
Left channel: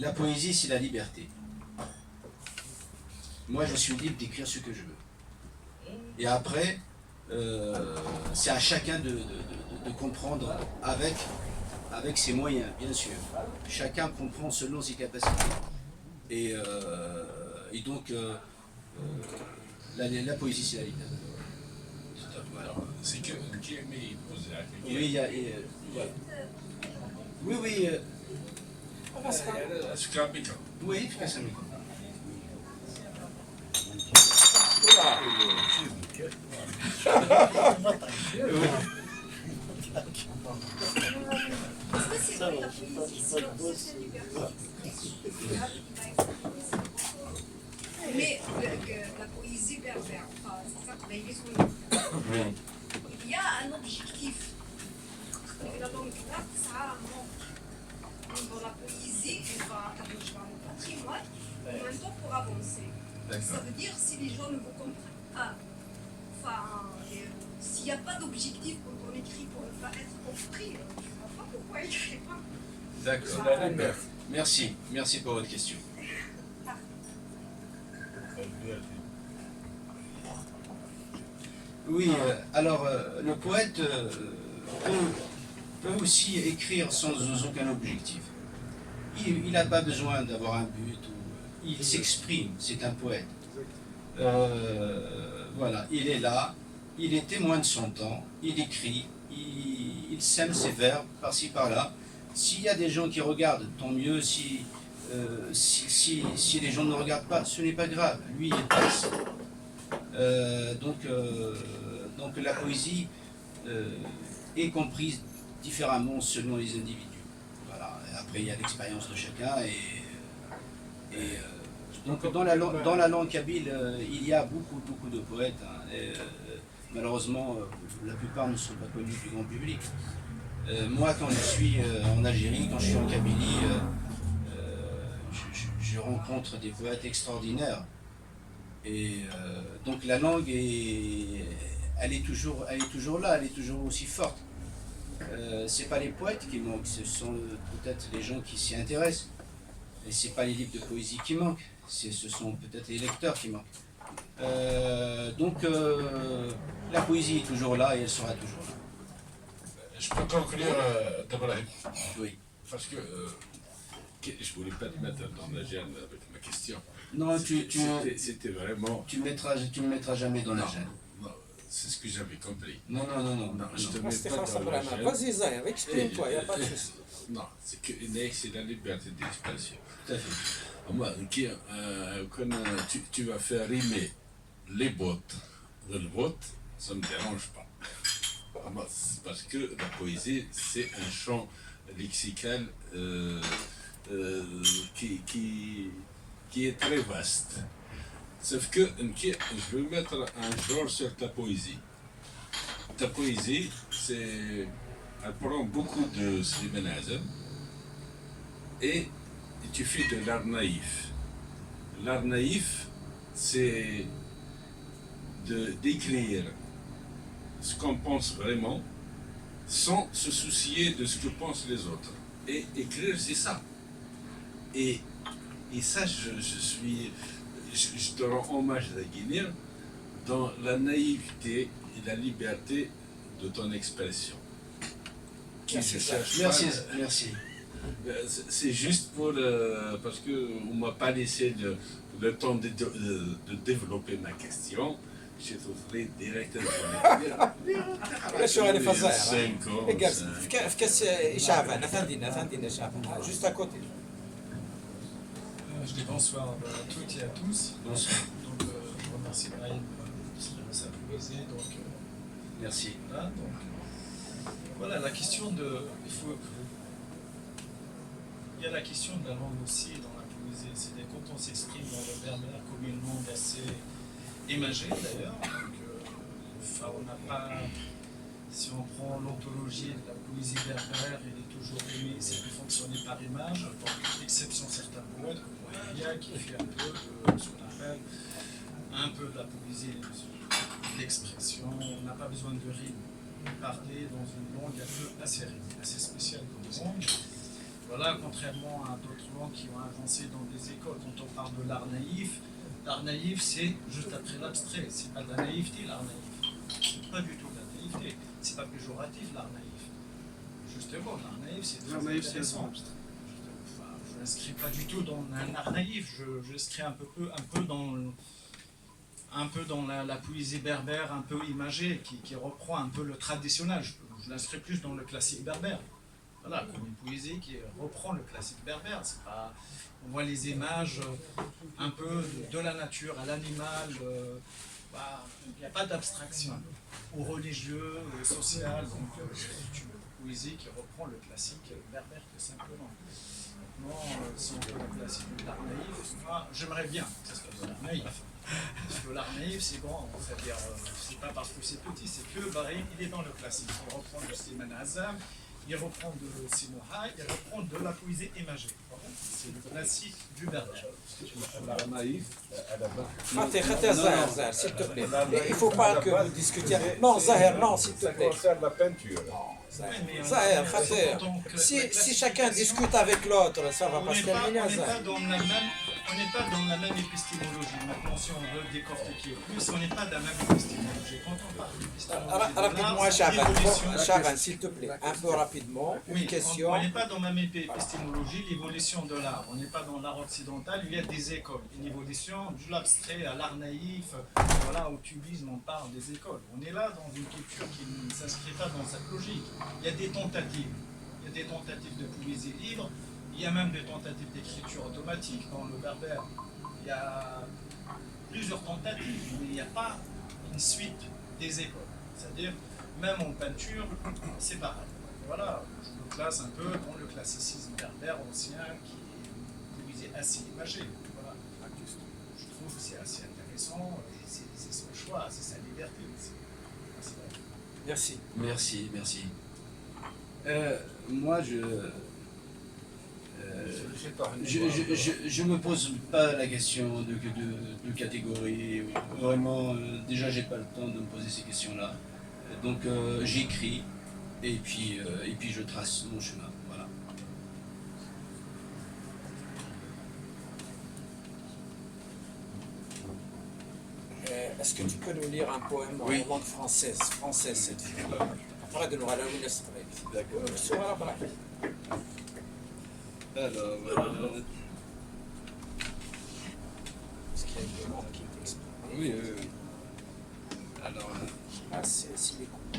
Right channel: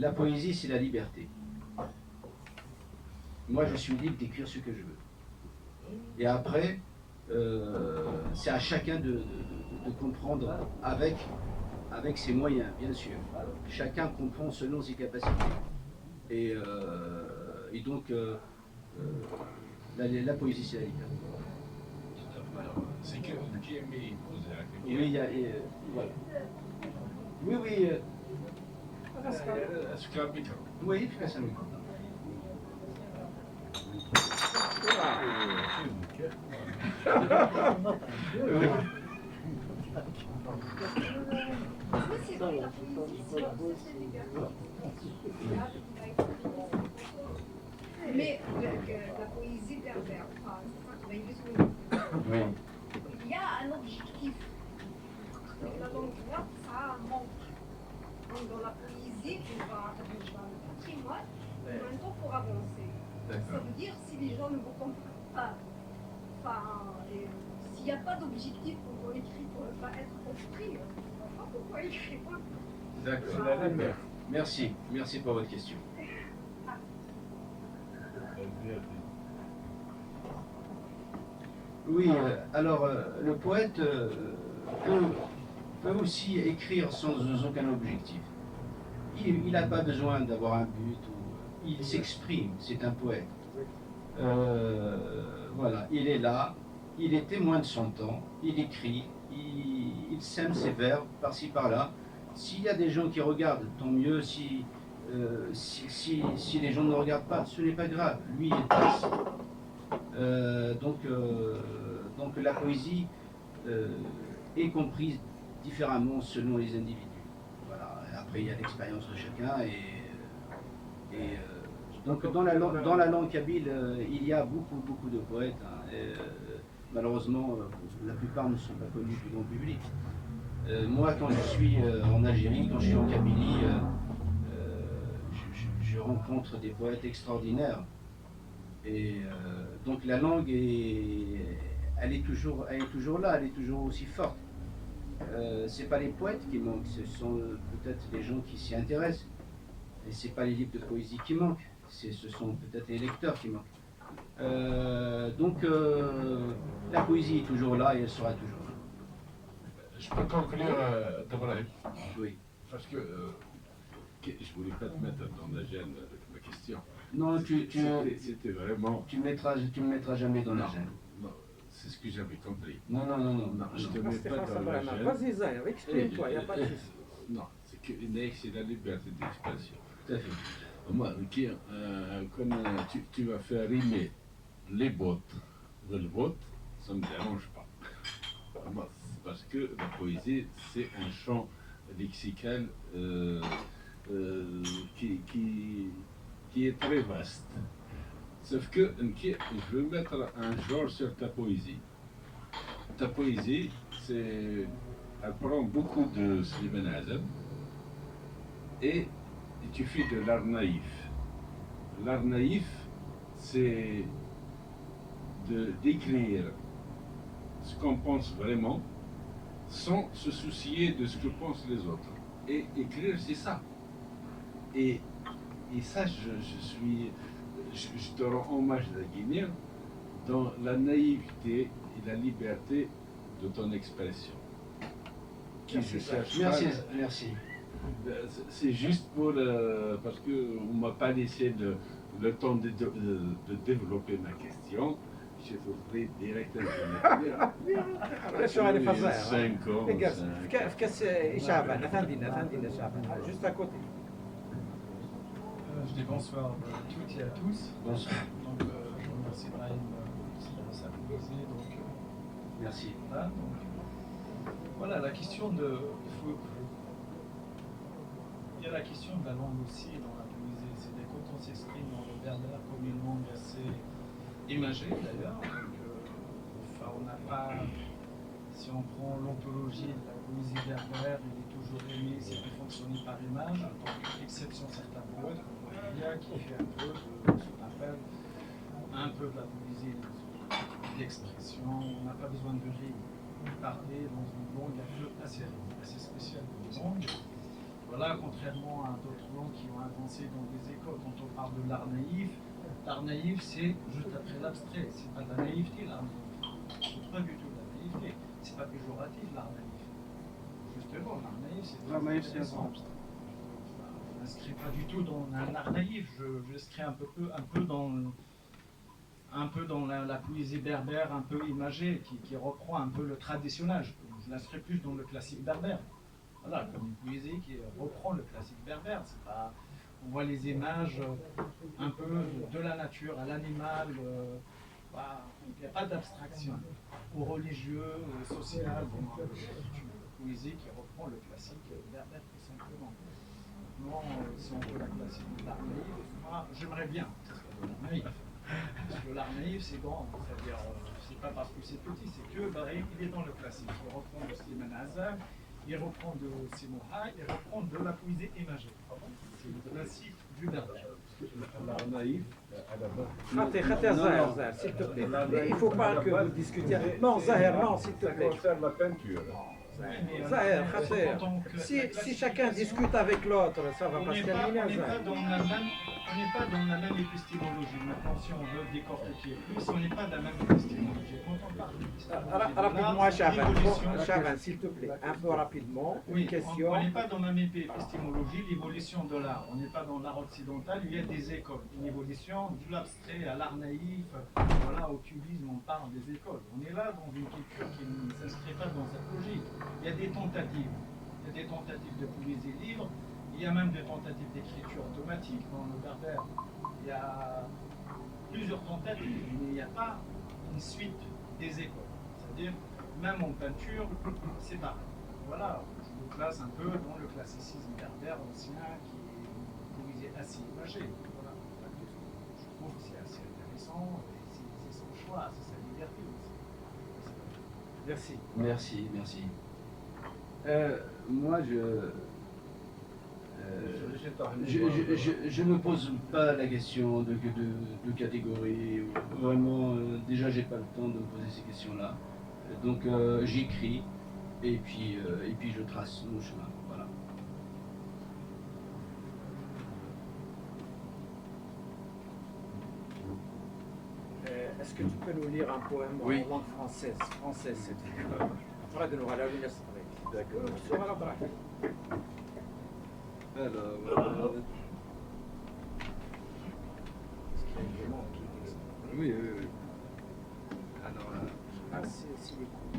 la poésie, c'est la liberté. Moi, je suis libre d'écrire ce que je veux. Et après, c'est à chacun de comprendre avec ses moyens, bien sûr. Chacun comprend selon ses capacités. Et donc, la poésie, c'est la liberté. Voilà. C'est que qui aimait poser à quelqu'un. Oui, il y a. Voilà. Oui. Est-ce qu'il y a un micro? Oui, efficace amigo. Est-ce que c'est vrai la poésie, c'est aussi une liberté? Mais la poésie berbère, enfin, c'est ça qu'on a dit. Oui. Il y a un objectif. La langue arabe, ça a un manque. Donc dans la poésie, on va attacher le patrimoine, en même temps pour avancer. Ça veut dire si les gens ne vous comprennent pas, enfin, s'il n'y a pas d'objectif quand on écrit pour ne pas être compris, je ne vois pas pourquoi écrire. D'accord. Merci pour votre question. Oui, alors le poète peut aussi écrire sans aucun objectif. Il n'a pas besoin d'avoir un but, il s'exprime, c'est un poète. Voilà, il est là, il est témoin de son temps, il écrit, il sème ses vers par-ci par-là. S'il y a des gens qui regardent, tant mieux. Si les gens ne regardent pas, ce n'est pas grave. Lui, il passe. Donc la poésie, est comprise différemment selon les individus. Voilà. Et après, il y a l'expérience de chacun. Donc, dans la langue kabyle, il y a beaucoup de poètes. Hein, et, malheureusement, la plupart ne sont pas connus du grand public. Moi, quand je suis en Algérie, quand je suis en Kabylie, je rencontre des poètes extraordinaires. Et donc la langue, elle est toujours là, elle est toujours aussi forte. C'est pas les poètes qui manquent, ce sont peut-être les gens qui s'y intéressent. Et c'est pas les livres de poésie qui manquent, ce sont peut-être les lecteurs qui manquent. Donc la poésie est toujours là et elle sera toujours là. Je peux conclure d'abord Oui. parce que je voulais pas te mettre dans la gêne avec ma question. Non, C'était vraiment. tu me mettras jamais dans la gêne. Non, c'est ce que j'avais compris. Non. Je te mets pas dans la gêne. Vas-y, Zahir, exprime-toi, il n'y a pas de souci. Non, c'est que c'est la liberté d'expression. Tout à fait. Moi, quand tu vas faire rimer les bottes de le vote, ça ne me dérange pas. Moi, c'est parce que la poésie, c'est un champ lexical qui est très vaste. Sauf que je veux mettre un genre sur ta poésie. Ta poésie, elle prend beaucoup de Slimane Azem et tu fais de l'art naïf. L'art naïf, c'est d'écrire ce qu'on pense vraiment sans se soucier de ce que pensent les autres. Et écrire, c'est ça. Et ça, je te rends hommage à Guinée dans la naïveté et la liberté de ton expression. Merci. C'est juste pour parce que on m'a pas laissé le temps de développer ma question. Je trouverai directement. شو غادي فزاع 5 ans. في كاس شعبان افندينا شعبان juste à côté. Je dis bonsoir à toutes et à tous. Bonsoir. Donc, je remercie Brahim de sa poésie. Donc, Merci. voilà, donc, voilà, la question de. Il y a la question de la langue aussi dans la poésie. C'est quand on s'exprime dans le berbère comme une langue assez imagée d'ailleurs. Donc, on n'a pas. Si on prend l'ontologie de la poésie berbère, elle est toujours aimée, c'est de fonctionner par image, donc, exception certains poètes, comme Wahia, qui fait un peu de ce qu'on appelle un peu de la poésie d'expression. On n'a pas besoin de rime. Parler dans une langue assez spéciale comme langue. Voilà, contrairement à d'autres langues qui ont avancé dans des écoles, quand on parle de l'art naïf c'est juste après l'abstrait, c'est pas de la naïveté l'art naïf. C'est pas du tout de la naïveté, c'est pas péjoratif l'art naïf. Justement, l'art naïf c'est très intéressant. Enfin, je ne l'inscris pas du tout dans un art naïf, je l'inscris un peu dans la poésie berbère, un peu imagée, qui reprend un peu le traditionnel. Je l'inscris plus dans le classique berbère. Voilà, comme une poésie qui reprend le classique berbère. C'est pas, on voit les images un peu de la nature à l'animal. Il n'y a pas d'abstraction. Au religieux, au social. Donc, c'est une poésie qui reprend le classique berbère tout simplement. Maintenant, si on veut le classique de l'art naïf, moi, j'aimerais bien que ce soit de l'art naïf. Parce que l'art naïf, c'est grand, c'est-à-dire, c'est pas parce que c'est petit, c'est que il est dans le classique. Il reprend de Slimane Azem, il reprend de Sinoha, il reprend de la poésie imagée. C'est le classique du berbère. L'art naïf, à la base. Khater Zahir, s'il te plaît. Il ne faut pas que vous discutiez. Non, Zahir, non, s'il te Ça plaît. concerne la peinture. Zahir, Khater. Si chacun discute avec l'autre, ça va pas se terminer, Zahir. On n'est pas dans la même épistémologie. Maintenant, si on veut décortiquer plus, on n'est pas dans la même épistémologie. Quand on parle d'épistémologie, Rapidement, Chaban, s'il te plaît, un peu rapidement, une oui, question. on n'est pas dans la même épistémologie, l'évolution de l'art. On n'est pas dans l'art occidental, il y a des écoles. Une évolution de l'abstrait à l'art naïf. Voilà, au cubisme, on parle des écoles. On est là dans une culture qui ne s'inscrit pas dans cette logique. Il y a des tentatives. Il y a des tentatives de poésie libre. Il y a même des tentatives d'écriture automatique dans le berbère. Il y a plusieurs tentatives, mais il n'y a pas une suite des écoles. C'est-à-dire, même en peinture, c'est pareil. Voilà, je me classe un peu dans le classicisme berbère ancien qui est une poésie assez imagée. Voilà. Je trouve que c'est assez intéressant et c'est son choix, c'est sa liberté aussi. C'est vrai. Merci. Merci, merci. Moi, je me pose pas la question de catégorie. Vraiment, déjà, j'ai pas le temps de me poser ces questions-là. Donc, j'écris et puis je trace mon chemin. Voilà. Est-ce que tu peux nous lire un poème Oui. en langue française cette fois? Après de nous ralaver la D'accord. Alors, Parce qu'il y a une demande qui est exprimée. oui, oui, oui. Alors, Ah, c'est si les coups.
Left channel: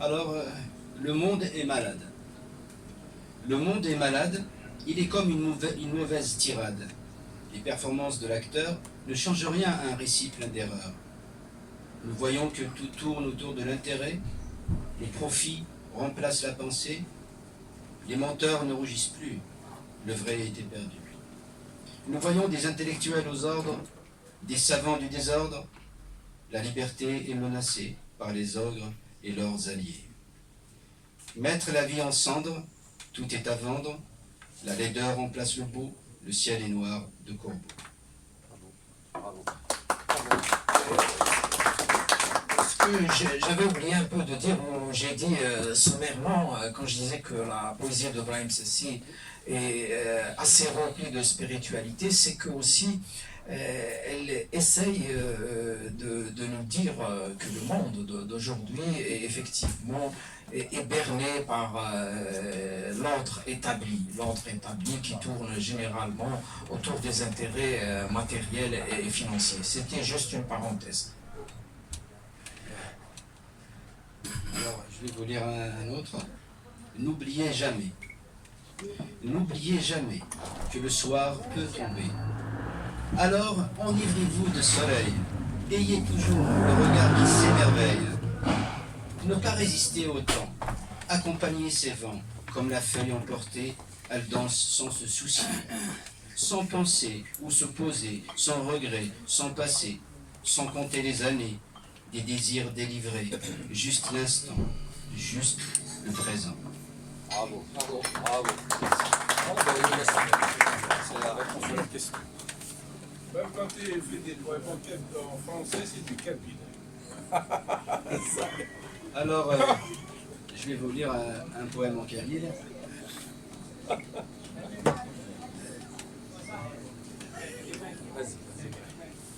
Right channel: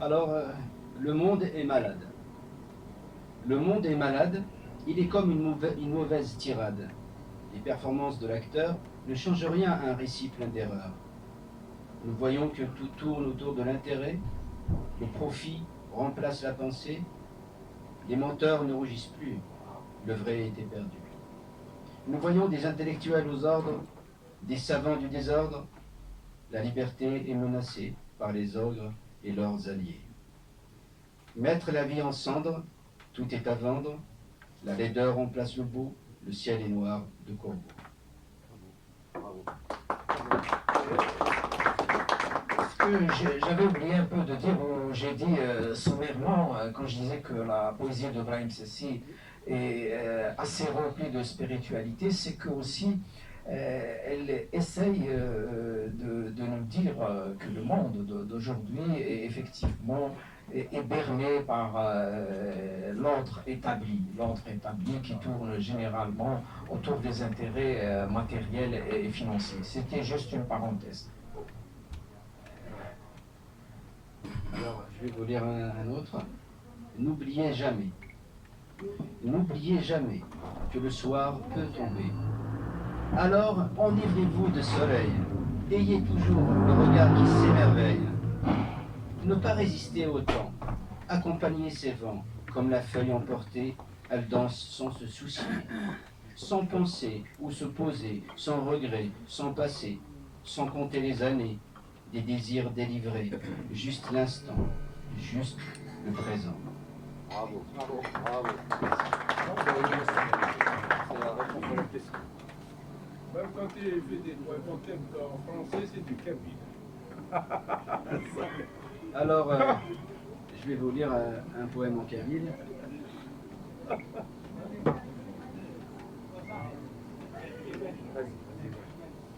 Alors, le monde est malade. Le monde est malade, il est comme une mauvaise tirade. Les performances de l'acteur ne changent rien à un récit plein d'erreurs. Nous voyons que tout tourne autour de l'intérêt, le profit remplace la pensée, les menteurs ne rougissent plus, le vrai était perdu. Nous voyons des intellectuels aux ordres, des savants du désordre, la liberté est menacée par les ogres et leurs alliés. Mettre la vie en cendres, tout est à vendre, la laideur remplace le beau, le ciel est noir de corbeaux. J'avais oublié un peu de dire, où j'ai dit sommairement, quand je disais que la poésie de Brahim Sessi est assez remplie de spiritualité, c'est que aussi elle essaye de nous dire que le monde d'aujourd'hui est effectivement est berné par l'ordre établi qui tourne généralement autour des intérêts matériels et financiers. C'était juste une parenthèse. Alors, je vais vous lire un autre. N'oubliez jamais que le soir peut tomber. Alors, enivrez-vous de soleil. Ayez toujours le regard qui s'émerveille. Ne pas résister au temps. Accompagnez ces vents. Comme la feuille emportée, elle danse sans se soucier. Sans penser ou se poser, sans regret, sans passé, sans compter les années, des désirs délivrés, juste l'instant, juste le présent. Bravo, bravo, bravo. C'est la réponse à la question. Même quand tu fais des poèmes en français, c'est du cabine. Alors, je vais vous lire un poème en kabyle.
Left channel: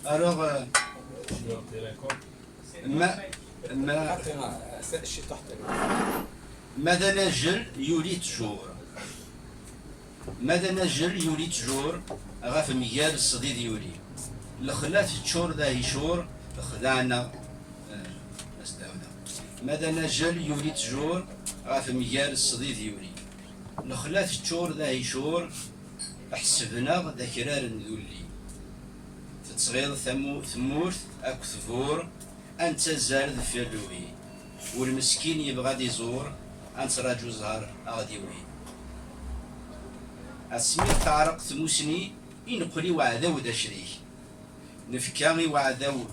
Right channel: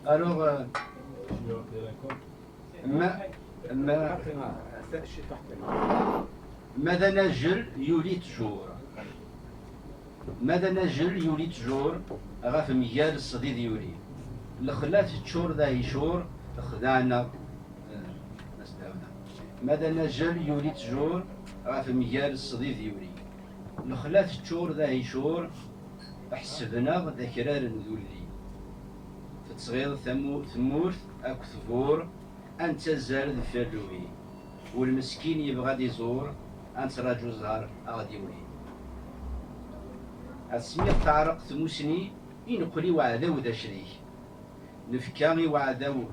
Alors, ماذا نجل يولي تجور ماذا نجل يولي تجور غاف ميال الصديد يولي الخلاف تشور ذا يشور خدعنا نستعوذ ماذا نجل يولي تجور غاف ميال الصديد يولي الخلاف تشور ذا يشور حسبنا ذكرار ذولي تتصغير ثمورث اكو ثبور انت زال ذفلوي والمسكين يبغى يزور انت راجو زهر غادي وين اسمير تعرق ثموسني ينقلي وعذاو ذا شريك نفكاغي وعذاو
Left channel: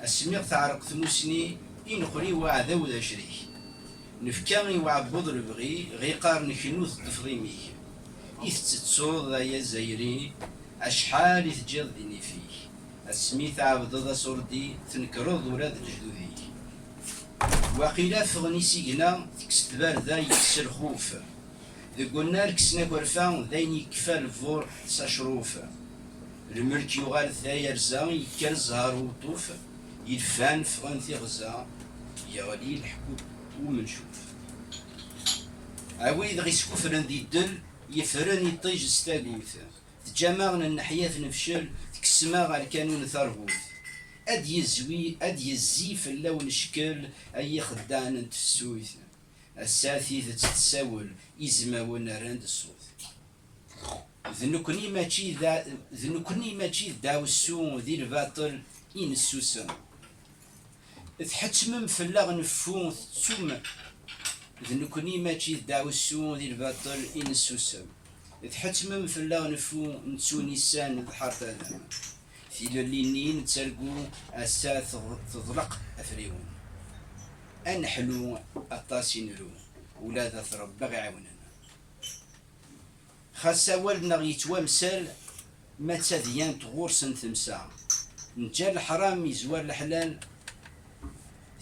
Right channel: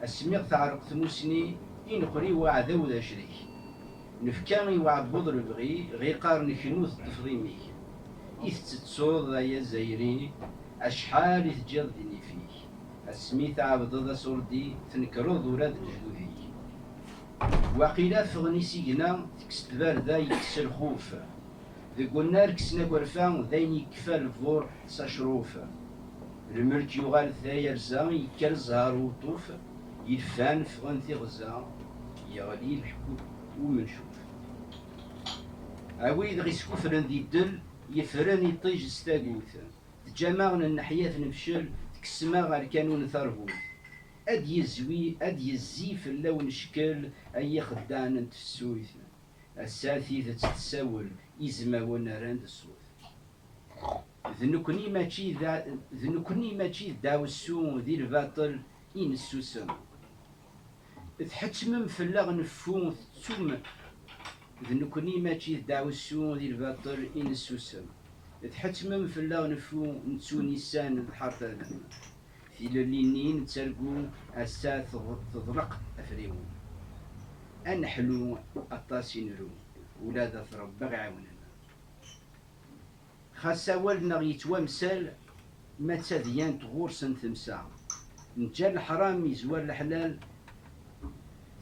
اسمير تعرق ثموسني ينقلي وعذاو ذا شريك نفكاغي وعبوض البغي غيقار نكنوث تفضيميك يثتتصوض ذا يا زايري اشحال يتجد ذيني فيك اسمي تعبد ذا صردي تنكرض ولاد الجدودي وقيلا فغني سيقنا تكست ذا يكسر خوف ذي قلنا لك سنا قرفان ذين يكفى الفور ساشروف الملك يغال ثاير زا يكال زهر وطوف يلفان فغن ثي غزا يغلي الحكوب ومنشوف عويد غيسكو فرن ذي الدل يفرن يطيج ستاقوث تجمعنا النحياة نفشل تكسما غا الكانون ثربوث أد يزوي أد يزي في اللون شكل أي خدان تفسويث الساثي تتساول إزما ونرند الصوت ذنكني ماشي داو السو ذي الباطل إن السوسم تحتمم فلا غنفو ثم ذنكني ماشي داو السو ذي الباطل إن السوسم تحتمم فلا غنفو نتسو نيسان ضحرت هذا في اللينين تسرقو أسا تضلق أفريون أنحلو الطاسينرو ولا ذا ثرب غيعاوننا خاصة والدنا يتوامسال ما تذيان تغورسن ثمسا نجا الحرام يزوار الحلال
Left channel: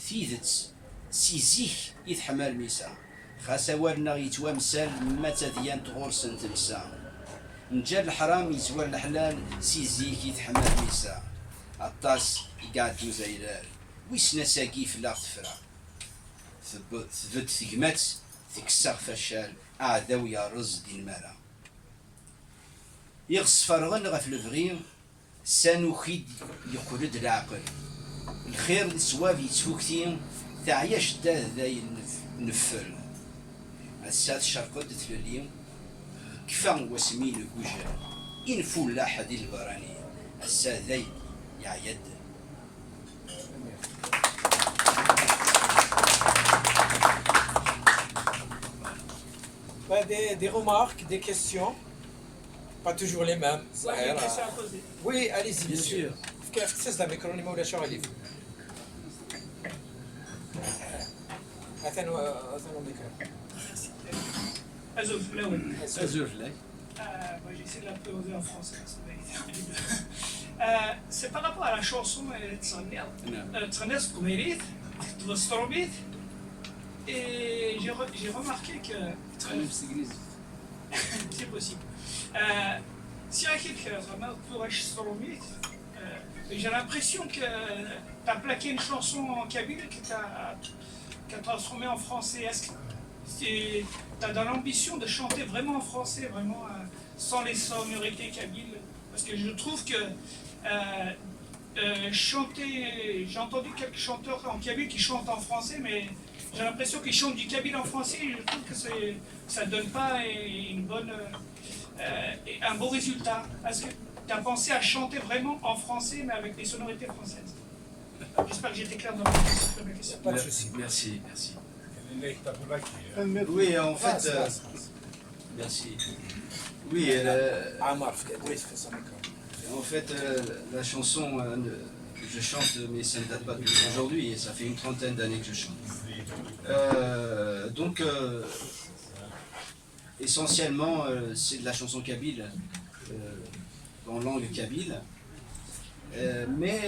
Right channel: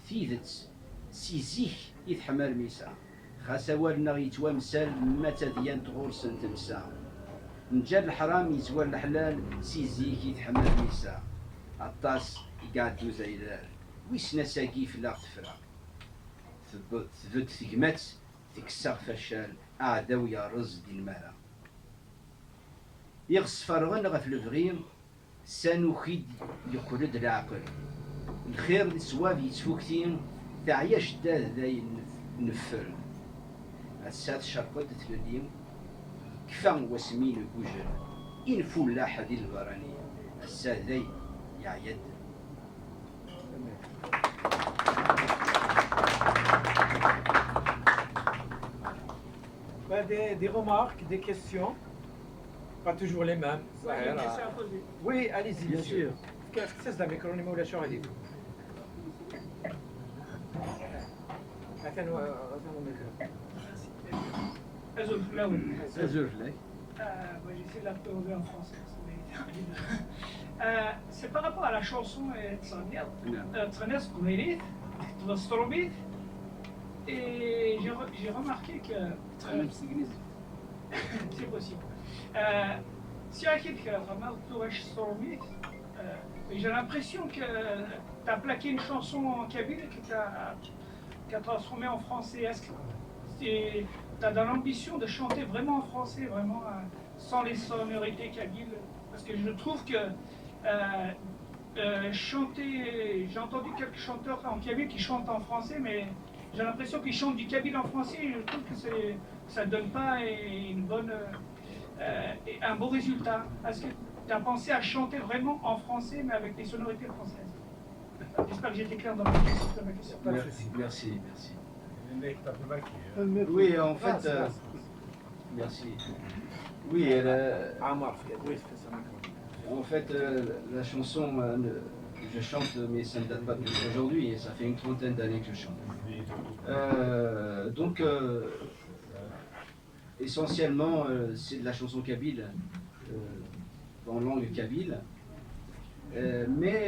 ثيذت سيزيك يتحمل ميسا خاصة والدنا يتوامسال ما تذيان تغورسن ثمسا نجا الحرام يزوار الحلال سيزيك يتحمل ميسا الطاس قاعدو زيلال ويسنا ساقي في لا تفرع ثبت ثقمات تكسر فشال أعداو يا رز دي المرا يغص فرغن غف الفغيم سانو خيد يقرد العقل الخير السواب يتفوكتين تعيش دا ذاي نفل الساد شرقد تلليم كفان وسمين الكوجر إن فول حد البراني الساد ذاي يعيد Des remarques, des questions, pas toujours les mêmes. Ouais, il y a une question à poser. Oui, allez-y. Bien sûr. كيف تستخدم الميكرو ولا شو غادي يفهم؟ أثناء الميكرو. Azov, là, ouais. أزور لك Moi, j'ai essayé de la poser en français. Parce que c'est par rapport à la chanson Tsanes Koumérit, Tvostromit. Et j'ai remarqué que. C'est possible. Si j'ai l'impression que tu as plaqué une chanson en kabyle que tu as transformée en français. Est-ce que tu as dans l'ambition de chanter vraiment en français, vraiment sans les sonorités kabyles? Parce que je trouve que chanter. J'ai entendu quelques chanteurs en kabyle qui chantent en français, mais j'ai l'impression qu'ils chantent du kabyle en français et je trouve que ça ne donne pas un beau résultat. Est-ce que tu as pensé à chanter vraiment en français mais avec des sonorités françaises? J'espère que j'étais clair dans ma question. Pas de souci. Merci, merci. Oui, en fait, merci. Oui, en fait, la chanson, je chante, mais ça ne date pas d'aujourd'hui, et ça fait une trentaine d'années que je chante. Donc, essentiellement, c'est de la chanson kabyle, en langue kabyle. Mais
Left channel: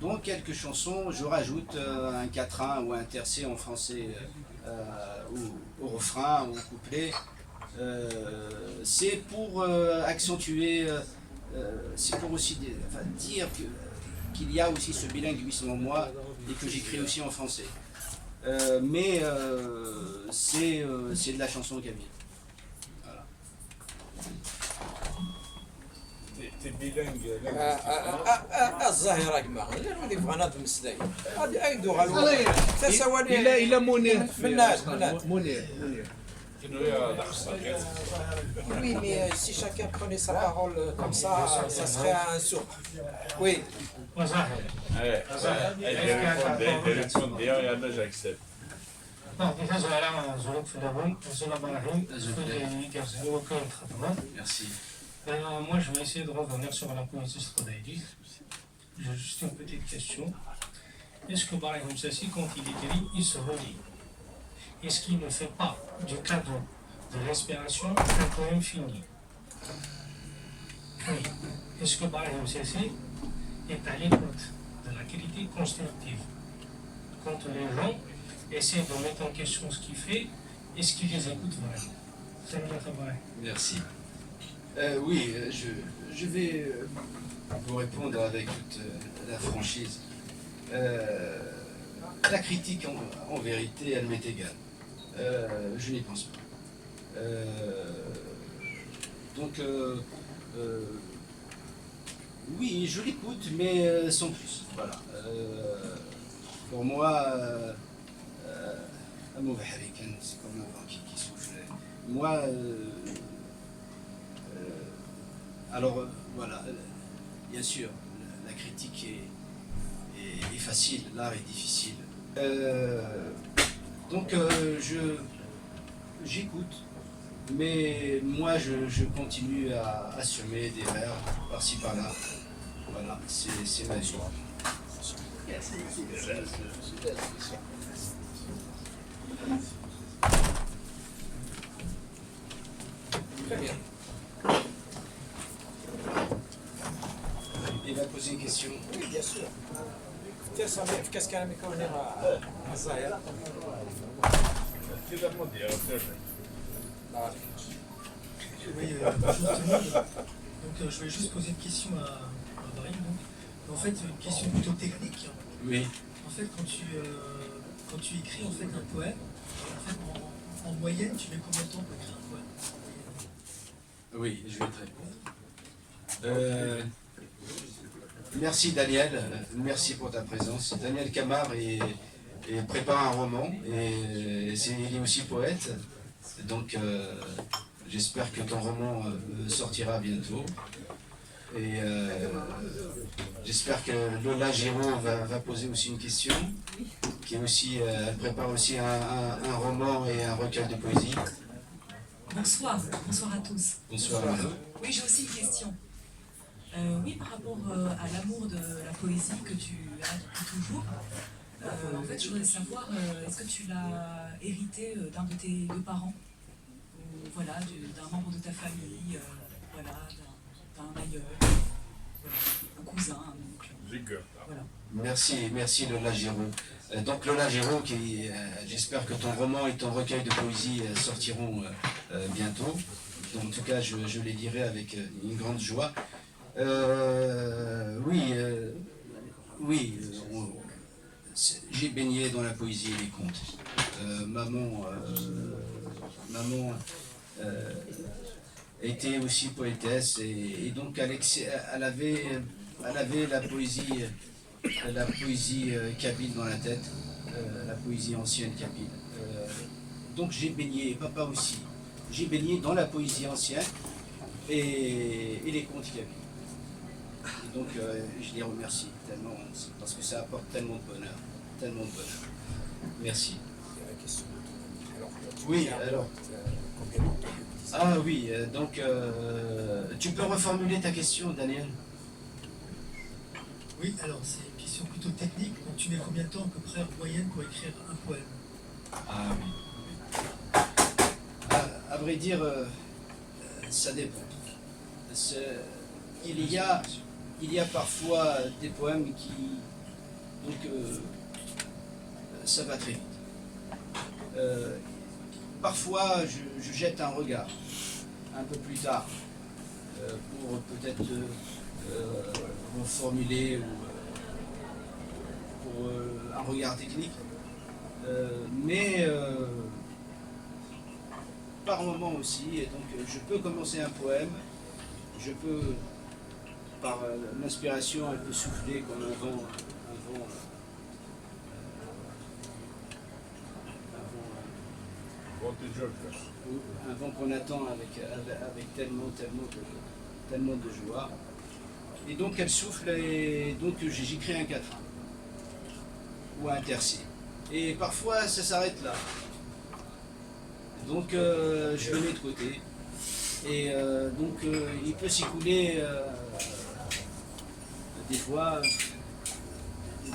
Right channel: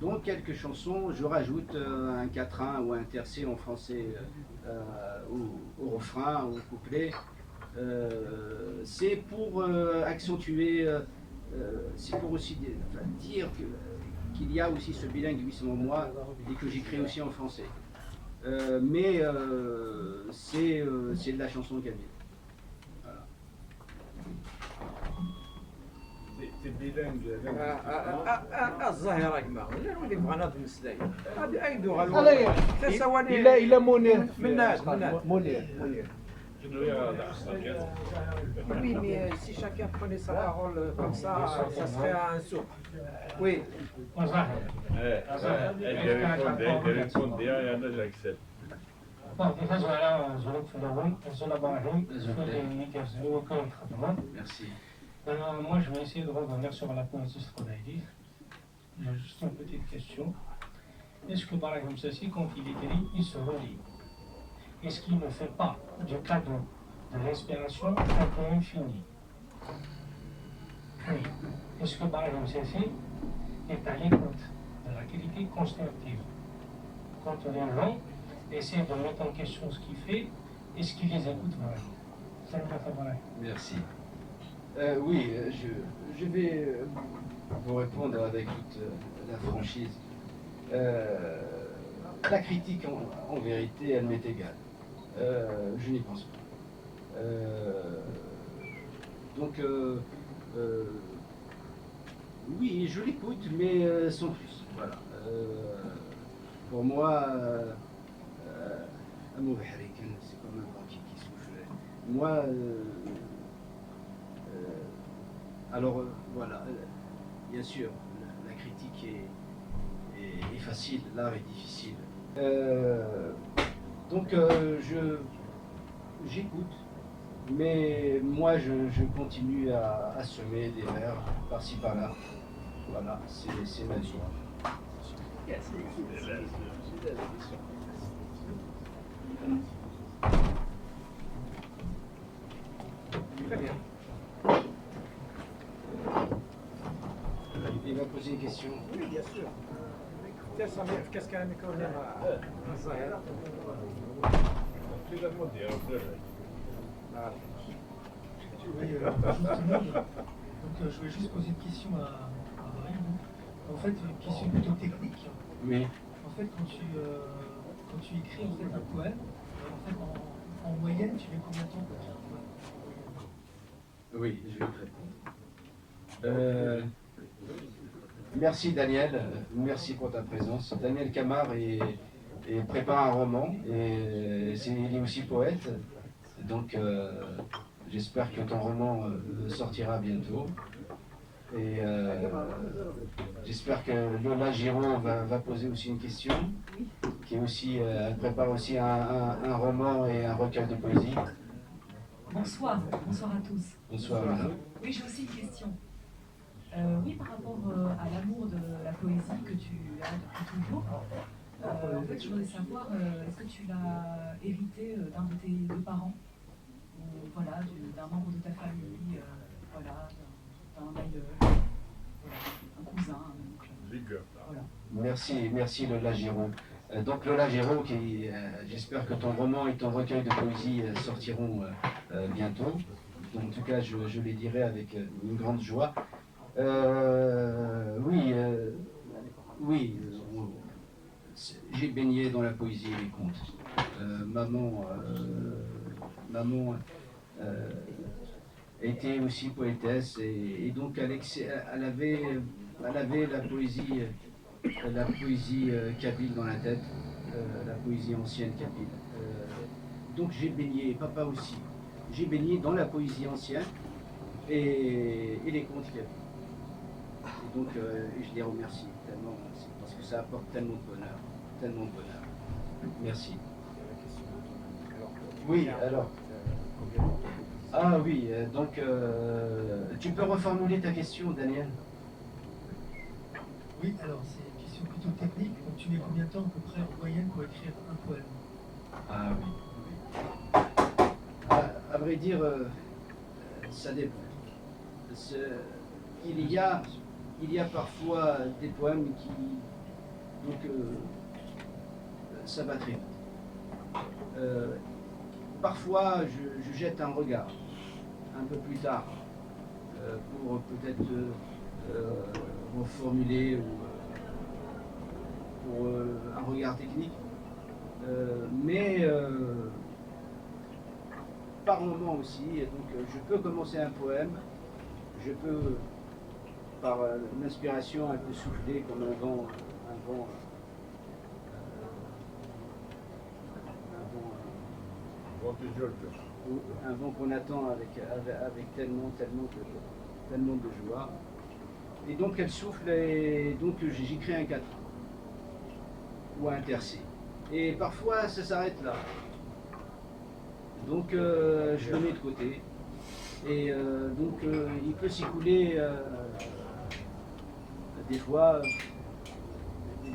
dans quelques chansons, je rajoute un quatrain ou un tercet en français au refrain, au couplet. C'est pour accentuer, c'est pour aussi dire qu'il y a aussi ce bilinguisme en moi et que j'écris aussi en français. Mais c'est de la chanson kabyle. Voilà. T'es bilingue. الظاهرة كما لا نولي بغانا بالمسلاي هذه أيدوها الوضع تسوالي Il a Mounir. مناج Mounir. Oui, mais si chacun prenait sa parole comme ça serait un sourd. Oui. J'accepte. Merci. Moi, je vais essayer de revenir sur la poésie Strodaïdi. J'ai juste une petite question. Est-ce que, par exemple, ceci, quand il écrit, il se relie? Est-ce qu'il ne fait pas du cadeau de l'inspiration un poème fini? Oui. Est-ce que, par exemple, ceci est à l'écoute de la qualité constructive? Quand les gens essaient de mettre en question ce qu'il fait, est-ce qu'ils les écoutent vraiment? Ça me fait. Merci. Oui, je vais vous répondre avec toute la franchise. La critique, en vérité, elle m'est égale. Je n'y pense pas. Donc, oui, je l'écoute, mais sans plus. Voilà. Pour moi, c'est comme un vent qui souffle. Moi, alors voilà, bien sûr, la critique est facile, l'art est difficile. Donc j'écoute, mais moi je continue à assumer des vers par-ci par-là. Voilà, c'est ma vie. Très bien. Il va poser une question. Oui, bien sûr. Tiens, Samir, qu'est-ce qu'elle a mis à Zahir? Oui, bonjour tout le monde. Donc, je voulais juste poser une question à Brahim. En fait, une question plutôt technique. Oui. En fait, quand tu écris en fait un poème, en fait, en moyenne, tu mets combien de temps pour écrire un poème en moyenne? Oui, je vais te répondre. Merci Daniel, merci pour ta présence. Daniel Camar prépare un roman et il est aussi poète. Donc j'espère que ton roman sortira bientôt. Et j'espère que Lola Giraud va poser aussi une question. Qui est aussi, elle prépare aussi un roman et un recueil de poésie. Bonsoir, bonsoir à tous. Bonsoir madame. Oui, j'ai aussi une question. Oui, par rapport à l'amour de la poésie que tu as depuis toujours, en fait, je voudrais savoir, est-ce que tu l'as hérité d'un de tes deux parents, ou voilà, d'un membre de ta famille, voilà, d'un aïeul, voilà, un cousin, un oncle, voilà. Merci Lola Giraud. Donc Lola Giraud, j'espère que ton roman et ton recueil de poésie sortiront bientôt. Donc, en tout cas, je les dirai avec une grande joie. Oui, j'ai baigné dans la poésie et les contes. Maman était aussi poétesse et donc elle avait la poésie kabyle dans la tête, la poésie ancienne kabyle. Donc j'ai baigné, papa aussi, j'ai baigné dans la poésie ancienne et les contes kabyles. Et donc je les remercie tellement, parce que ça apporte tellement de bonheur, tellement de bonheur. Merci. Oui, alors. Ah oui, donc tu peux reformuler ta question, Daniel? Oui, alors c'est une question plutôt technique. Donc tu mets combien de temps à peu près en moyenne pour écrire un poème? Ah oui. À vrai dire, ça dépend. Il y a parfois des poèmes qui... Donc ça va très vite. Parfois je jette un regard un peu plus tard pour peut-être reformuler ou pour un regard technique. Mais par moment aussi, et donc je peux commencer un poème, je peux, par l'inspiration, un peu souffler comme un vent un vent qu'on attend avec tellement de joie. Et donc elle souffle et donc j'écris un quatrain ou un tercet. Et parfois ça s'arrête là. Donc je le mets de côté. Et donc il peut s'écouler des fois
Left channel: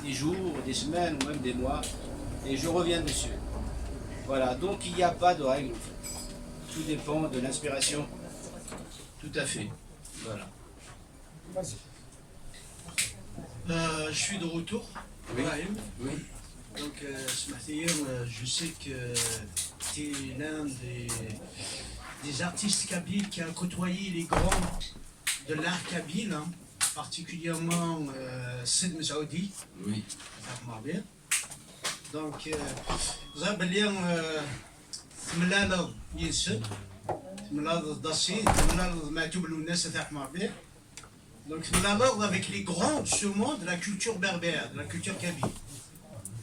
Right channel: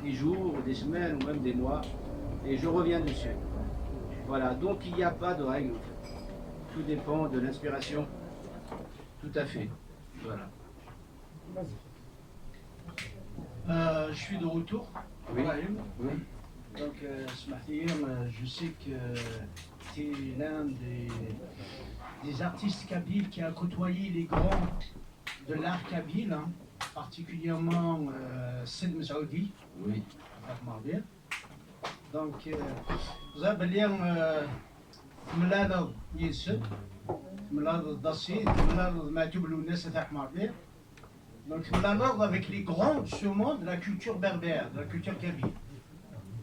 des jours, des semaines ou même des mois. Et je reviens dessus. Voilà, donc il n'y a pas de règle en fait. Tout dépend de l'inspiration. Tout à fait. Voilà. Je suis de retour. Oui. Oui. Donc, je sais que tu es l'un des artistes kabyles qui a côtoyé les grands de l'art kabyle, hein, particulièrement Sid Messaoudi. Oui. Donc, Zabalian Tmlala Yesud, Tmlala Dassi, Tmlala Matoub Lounes et Ahmarbir. Donc, Tmlala avec les grands sûrement de la culture berbère, de la culture kabyle.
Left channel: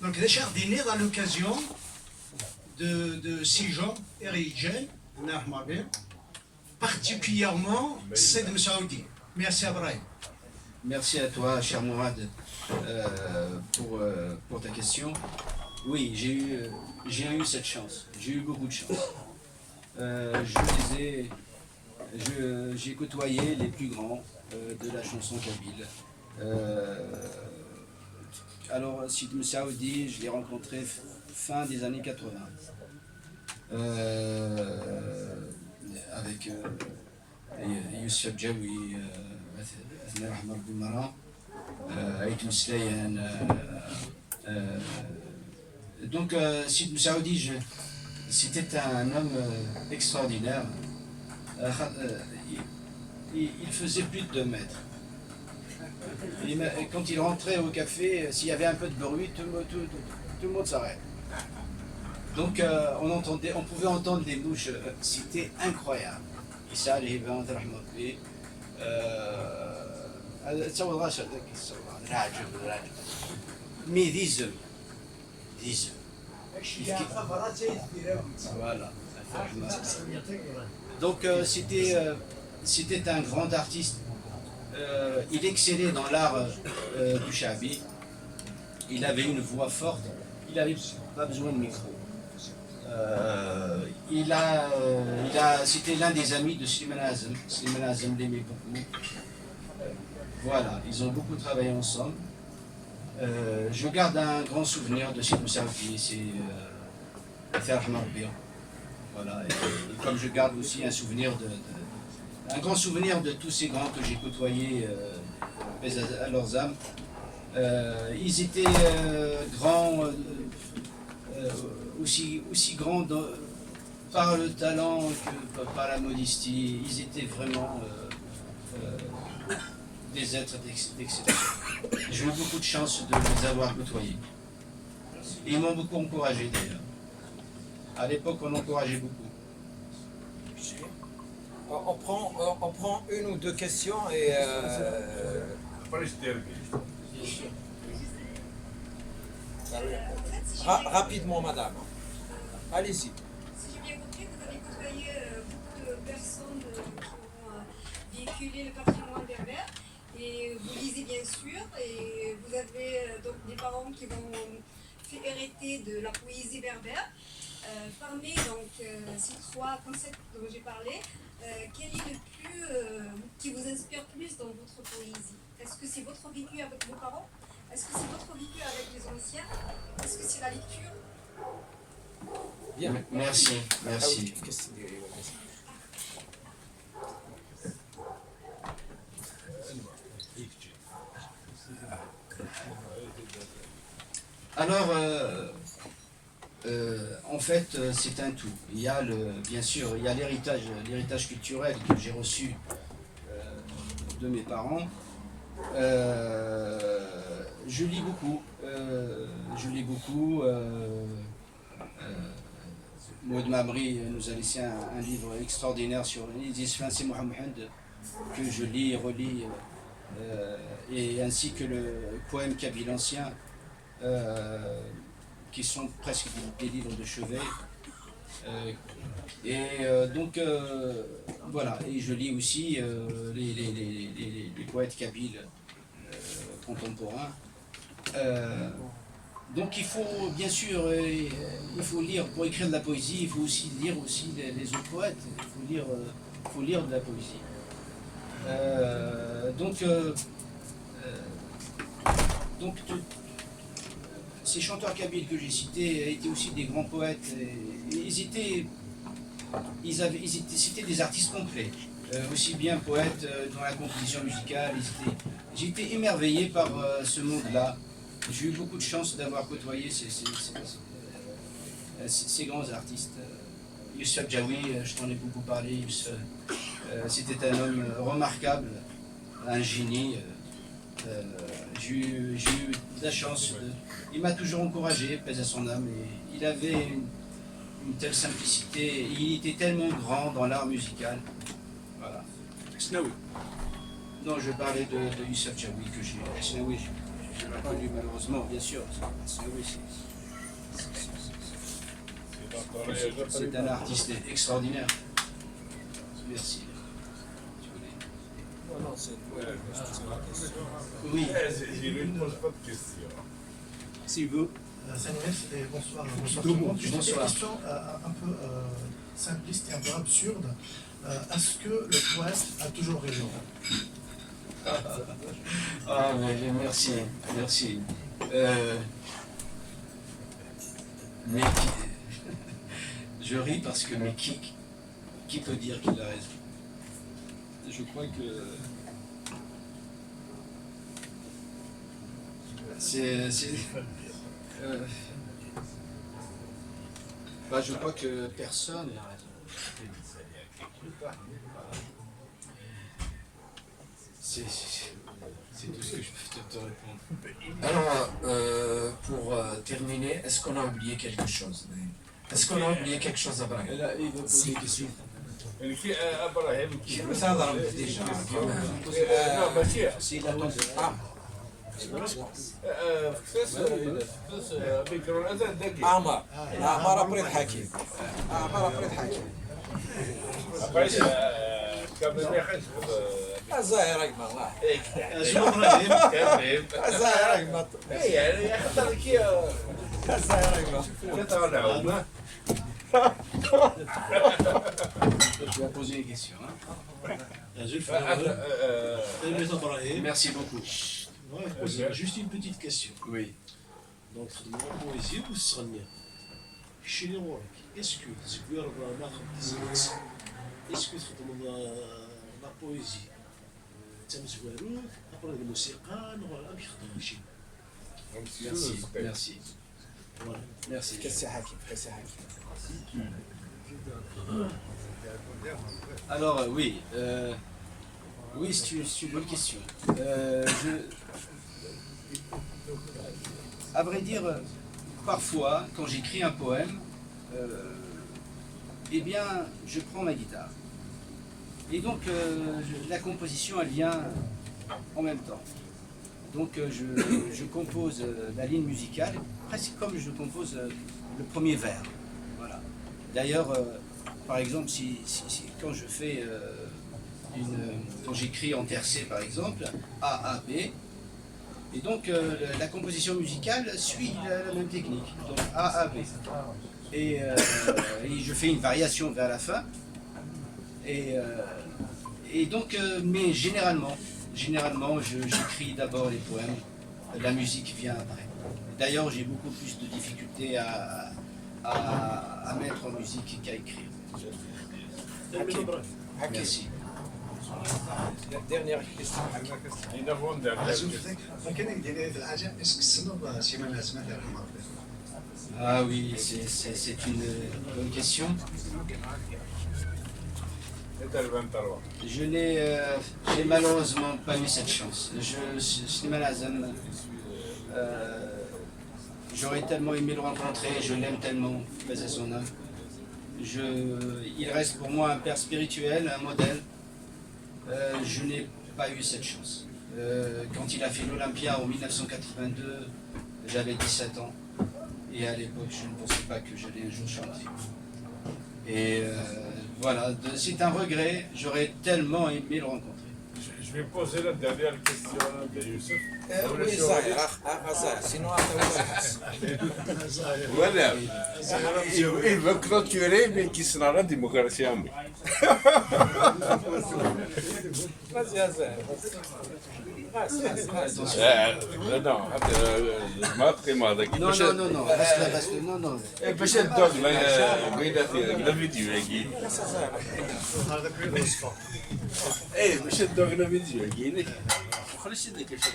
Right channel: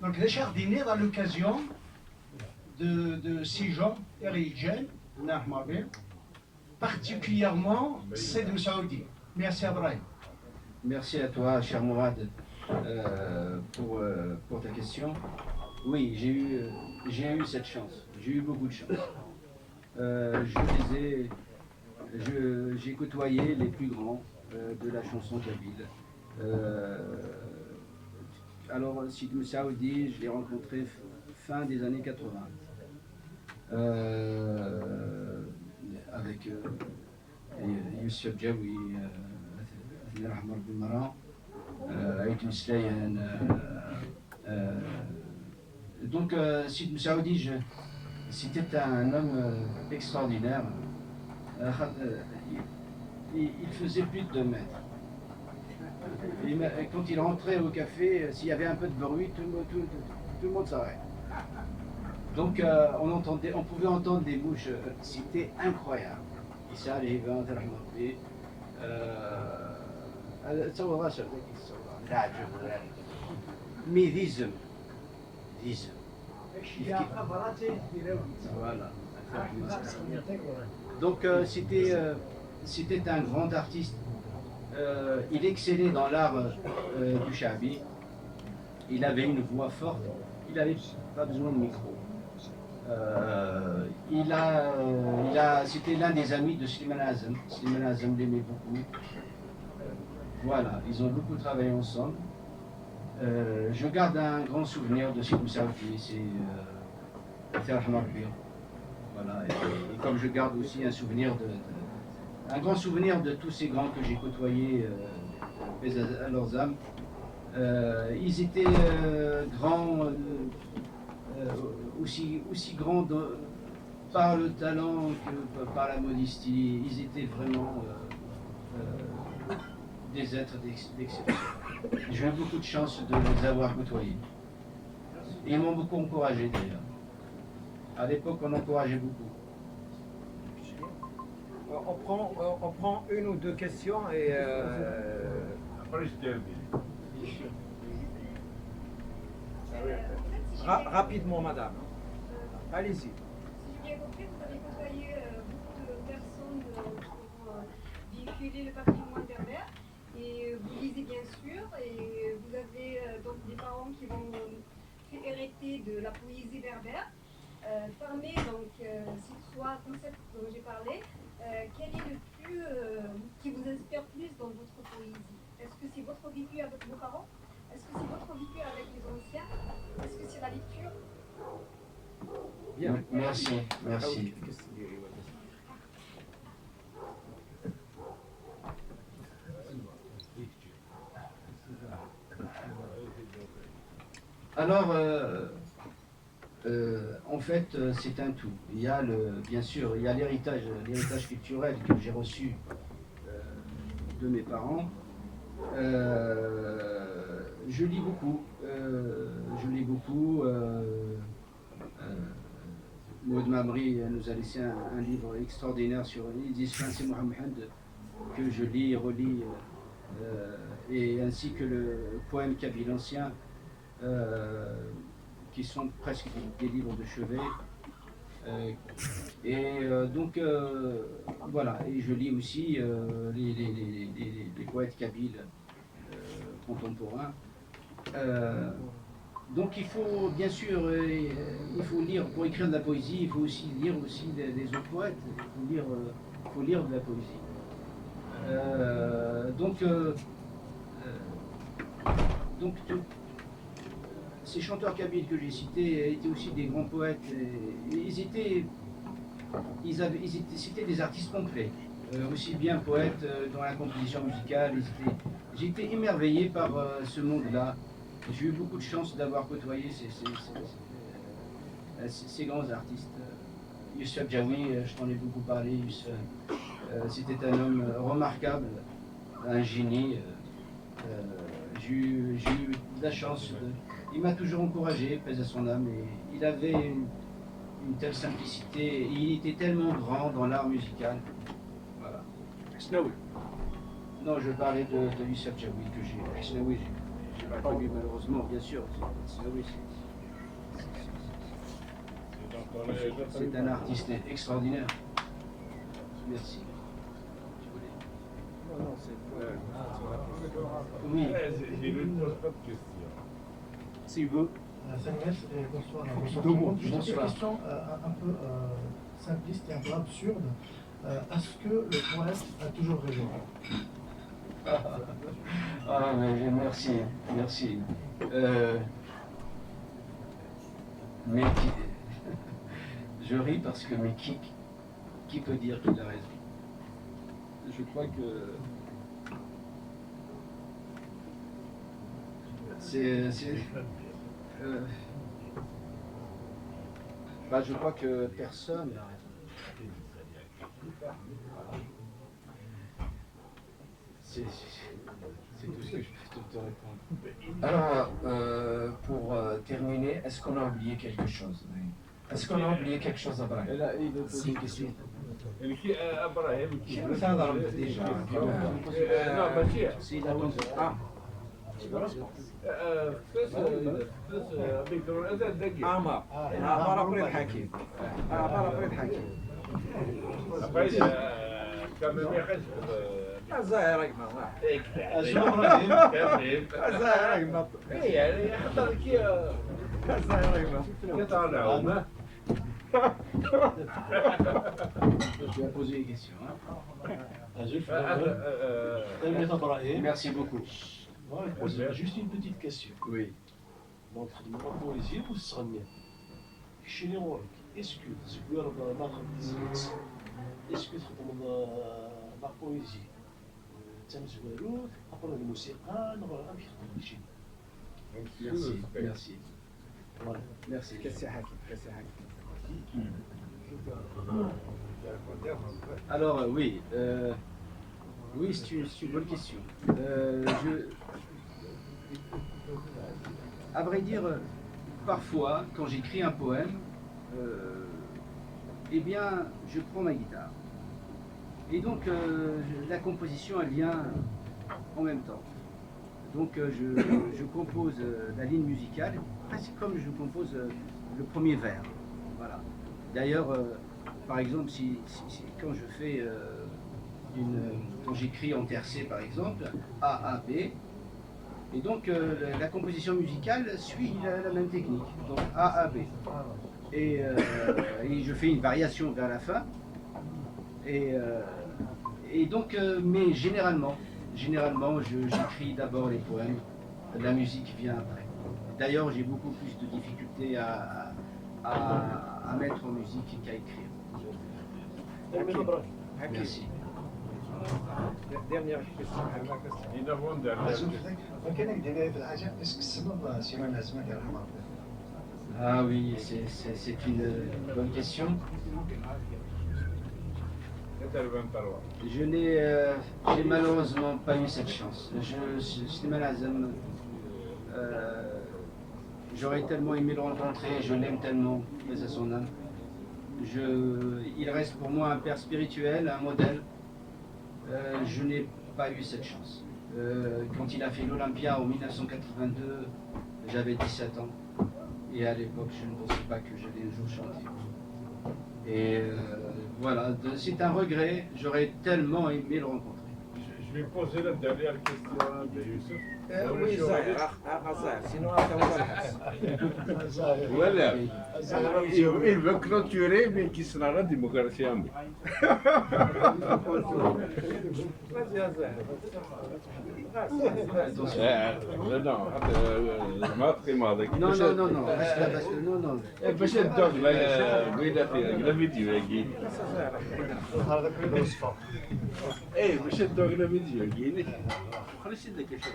Donc, Richard Diner à l'occasion de ces gens, Erigen, Ahmarbir. particulièrement Saïd Messaoudi. Merci Abraham. Merci à toi, cher Mourad, pour ta question. Oui, j'ai eu cette chance. J'ai eu beaucoup de chance. J'ai côtoyé les plus grands de la chanson kabyle. Alors, Saïd Messaoudi, je l'ai rencontré fin des années 80. Avec Youssef Jaoui, Athna Rahmar Boumara, Aïtou Slayan. Donc, Saïd Messaoudi, c'était un homme extraordinaire. Il faisait plus de 2 mètres. Et quand il rentrait au café, s'il y avait un peu de bruit, tout le monde s'arrête. Donc on pouvait entendre les mouches, c'était incroyable. Mais disent. Voilà. Donc c'était un grand artiste. Il excellait dans l'art du shabi. Il avait une voix forte. Il n'avait pas besoin de micro. C'était l'un des amis de Slimane Azem. Slimane Azem l'aimait beaucoup. Voilà, ils ont beaucoup travaillé ensemble. Je garde un grand souvenir de Saïd Messaoudi, c'est voilà, et comme je garde aussi un souvenir un grand souvenir de tous ces grands que j'ai côtoyés, paix à leurs âmes. Ils étaient grands, aussi grands par le talent que par la modestie. Ils étaient vraiment des êtres d'excellence. J'ai eu beaucoup de chance de les avoir côtoyés. Et ils m'ont beaucoup encouragé d'ailleurs. À l'époque, on encourageait beaucoup. On prend une ou deux questions et... Après, je termine. Bien sûr. Rapidement, madame. Allez-y. Si j'ai bien compris, vous avez côtoyé beaucoup de personnes qui ont véhiculé le patrimoine berbère. Et vous lisez bien sûr, et vous avez donc des parents qui vont fait hériter de la poésie berbère. Parmi donc, ces 3 concepts dont j'ai parlé, quel est le plus qui vous inspire plus dans votre poésie? Est-ce que c'est votre vécu avec vos parents? Est-ce que c'est votre vécu avec les anciens? Est-ce que c'est la lecture? Bien. Merci, merci. Alors, en fait, c'est un tout. Il y a bien sûr, il y a l'héritage culturel que j'ai reçu de mes parents. Je lis beaucoup. Maud Mamri nous a laissé un livre extraordinaire sur l'islam, c'est Mohammed, que je lis et relis, et ainsi que le poème kabyle ancien, qui sont presque des livres de chevet. Donc voilà, et je lis aussi les poètes kabyles contemporains. Donc il faut bien sûr, il faut lire pour écrire de la poésie, il faut aussi lire aussi les autres poètes, il faut lire de la poésie. Ces chanteurs kabyles que j'ai cités étaient aussi des grands poètes. C'était des artistes complets, aussi bien poètes dans la composition musicale. J'ai été émerveillé par ce monde-là. J'ai eu beaucoup de chance d'avoir côtoyé ces grands artistes. Youssef Jaoui, je t'en ai beaucoup parlé. Youssef, c'était un homme remarquable, un génie. J'ai eu de la chance. Il m'a toujours encouragé, paix à son âme. Et il avait une telle simplicité. Il était tellement grand dans l'art musical. Voilà. Hasnaoui. Non, je parlais de Youssef Jaoui que j'ai. Hasnaoui, je l'ai pas connu malheureusement, bien sûr. Hasnaoui, c'est un artiste extraordinaire. Merci. Non, c'est toi qui poses la question. Oui. Il ne pose pas de questions. S'il veut. Bonsoir. Bonsoir tout le monde. Juste une Bonsoir. question un peu simpliste et un peu absurde. Est-ce que le poète a toujours raison? Ah, mais merci, merci. Mais je ris parce que, mais qui peut dire qu'il a raison? Je crois que je crois que personne n'a raison. C'est tout ce que je peux te répondre. Alors, pour terminer, est-ce qu'on a oublié quelque chose? Est-ce qu'on a oublié quelque chose, Abraham? Là, il veut poser une question. Déjà. S'il attend. Ah. عمر بريد حكيم بريد حكيم الزاهر ايما شنو ابراهيم؟ الزاهر ايما يعني يخطر كي الزاهر ايما Je vais poser une question. Merci beaucoup. Juste une petite question. Oui. Donc, dans la poésie, vous serez chez les Marocains. Est-ce que vous avez est-ce que la poésie, après la musique, Merci, merci. Voilà. Merci. Alors, oui. Oui, c'est une bonne question. À vrai dire, parfois, quand j'écris un poème, eh bien, je prends ma guitare. Et donc, la composition, elle vient en même temps. Donc, je compose la ligne musicale, presque comme je compose le premier vers. Voilà. D'ailleurs, par exemple, quand je fais quand j'écris en tercé, par exemple, A, A, B, et donc la composition musicale suit la même technique, donc A, A, B. Et je fais une variation vers la fin, et donc, mais généralement, j'écris d'abord les poèmes, la musique vient après. D'ailleurs, j'ai beaucoup plus de difficultés à mettre en musique qu'à écrire. Merci. Dernière question. Ah oui, c'est une bonne question. J'ai malheureusement pas eu cette chance. J'aurais tellement aimé le rencontrer, je l'aime tellement, paix à son âme. Il reste pour moi un père spirituel, un modèle. Je n'ai pas eu cette chance. Quand il a fait l'Olympia en 1982, j'avais 17 ans. Et à l'époque, je ne pensais pas que j'allais un jour chanter. Et voilà, c'est un regret. J'aurais tellement aimé le rencontrer. Je vais poser la dernière question de Youssef. Oui, Zahir, sinon Voilà. Il veut clôturer, mais qui sera la démocratie en lui. vas-y, Zahir. Non, reste là, non. باش الدوغ لا فيديو هكي ايه باش الدوغ لا فيديو هكي خليش يدك الشيء.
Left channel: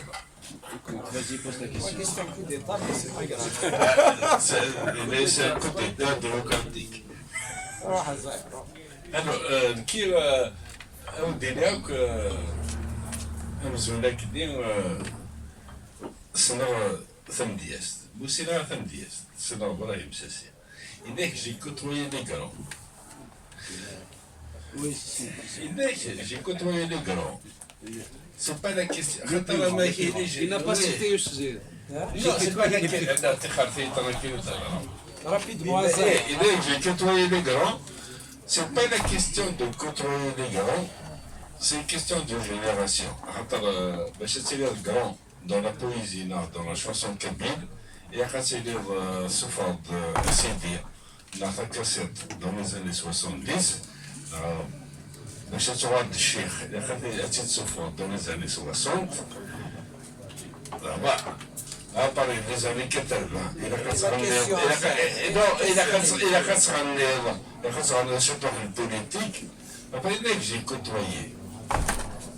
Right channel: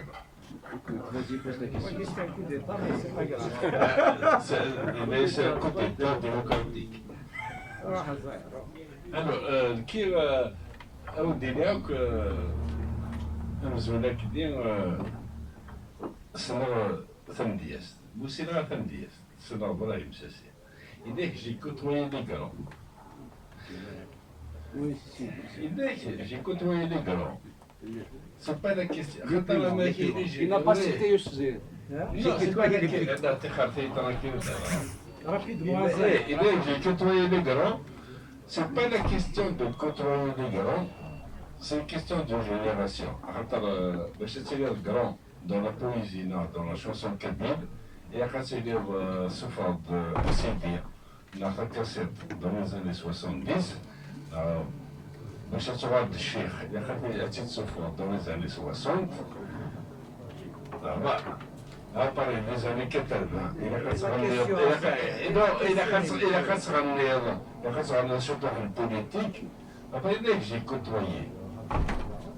Écoute, vas-y, pose ta question. C'est un coup d'état, mais c'est pas grave. C'est un coup d'état démocratique. Alors, كي أودي لك أمزونك دي سنة ثمديست بوسينا ثمديست سنة إبراهيم ساسي إذاك جي كوتوي لي كرون Oui, si. j'ai côtoyé les grands. C'est pas la question. Il n'a pas cité Youssef. J'ai côtoyé les plus grands. Rapidement, J'ai côtoyé les grands. C'est pas la question de côtoyer les grands, C'est une question de génération. باش تصير grand dans la poésie, dans la chanson kabyle, et à تصير صفات سيدية dans la cassette dans les années 70. باش تعود الشيخ اللي خاطر صفات dans les années 60. À partir des années 80, il a surtout en politique. Après, dès que j'ai côtoyé,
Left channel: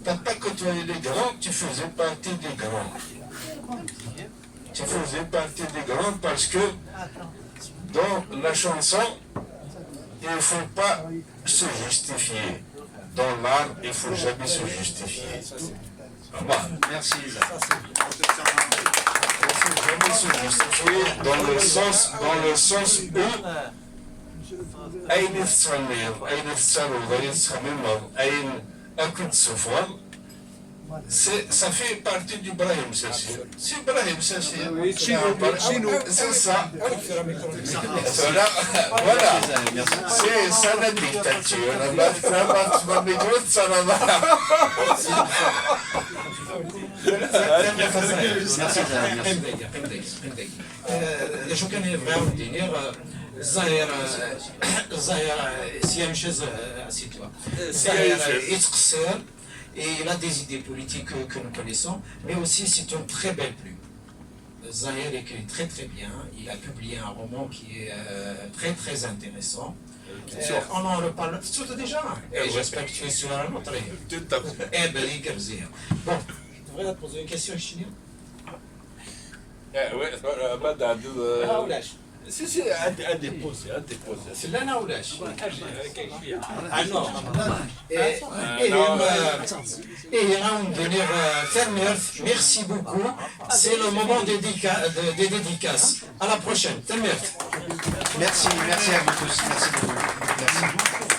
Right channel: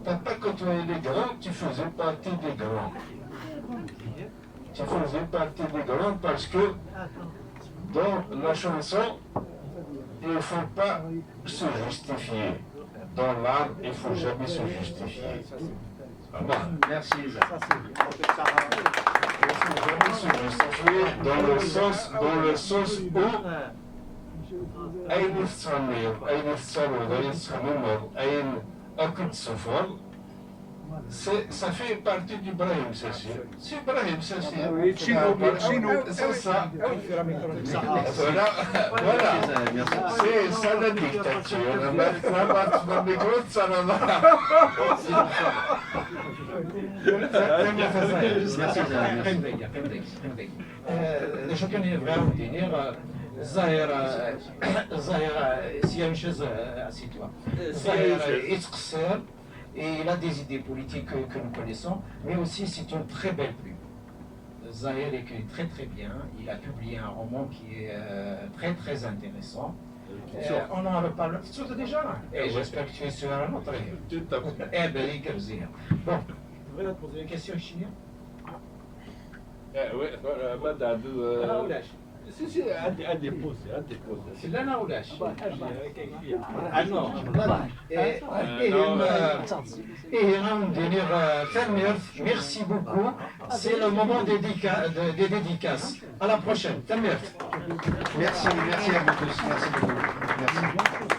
tu n'as pas côtoyé les grands, tu faisais partie des grands. Tu faisais partie des grands parce que dans la chanson, il ne faut pas se justifier. Dans l'art, il ne faut jamais se justifier. Merci Isa. Dans le sens où أين تتغنيض أين تتروض أين تتخممض أين أكل تسفر ça fait partie du Brahim Sassi. C'est Brahim Sassi. C'est ça. Voilà. C'est ça la dictature. شو كان يبغاو الدينير الظاهر سيمشي سيتوا يتقصر. Et il a des idées politiques que nous connaissons, mais aussi c'est une très belle plume. Zahir écrit très très bien, il a publié un roman qui est très très intéressant. On en reparle tout déjà, et j'espère que tu es sur un autre. Tout à fait. Eh ben, bon, je voudrais te poser une question, Chignon. Oui, Si, à déposer. C'est là ou là? Ah non. Et on donner merci beaucoup. C'est le moment des dédicaces. À la prochaine. Merci à vous tous. Merci beaucoup. Merci.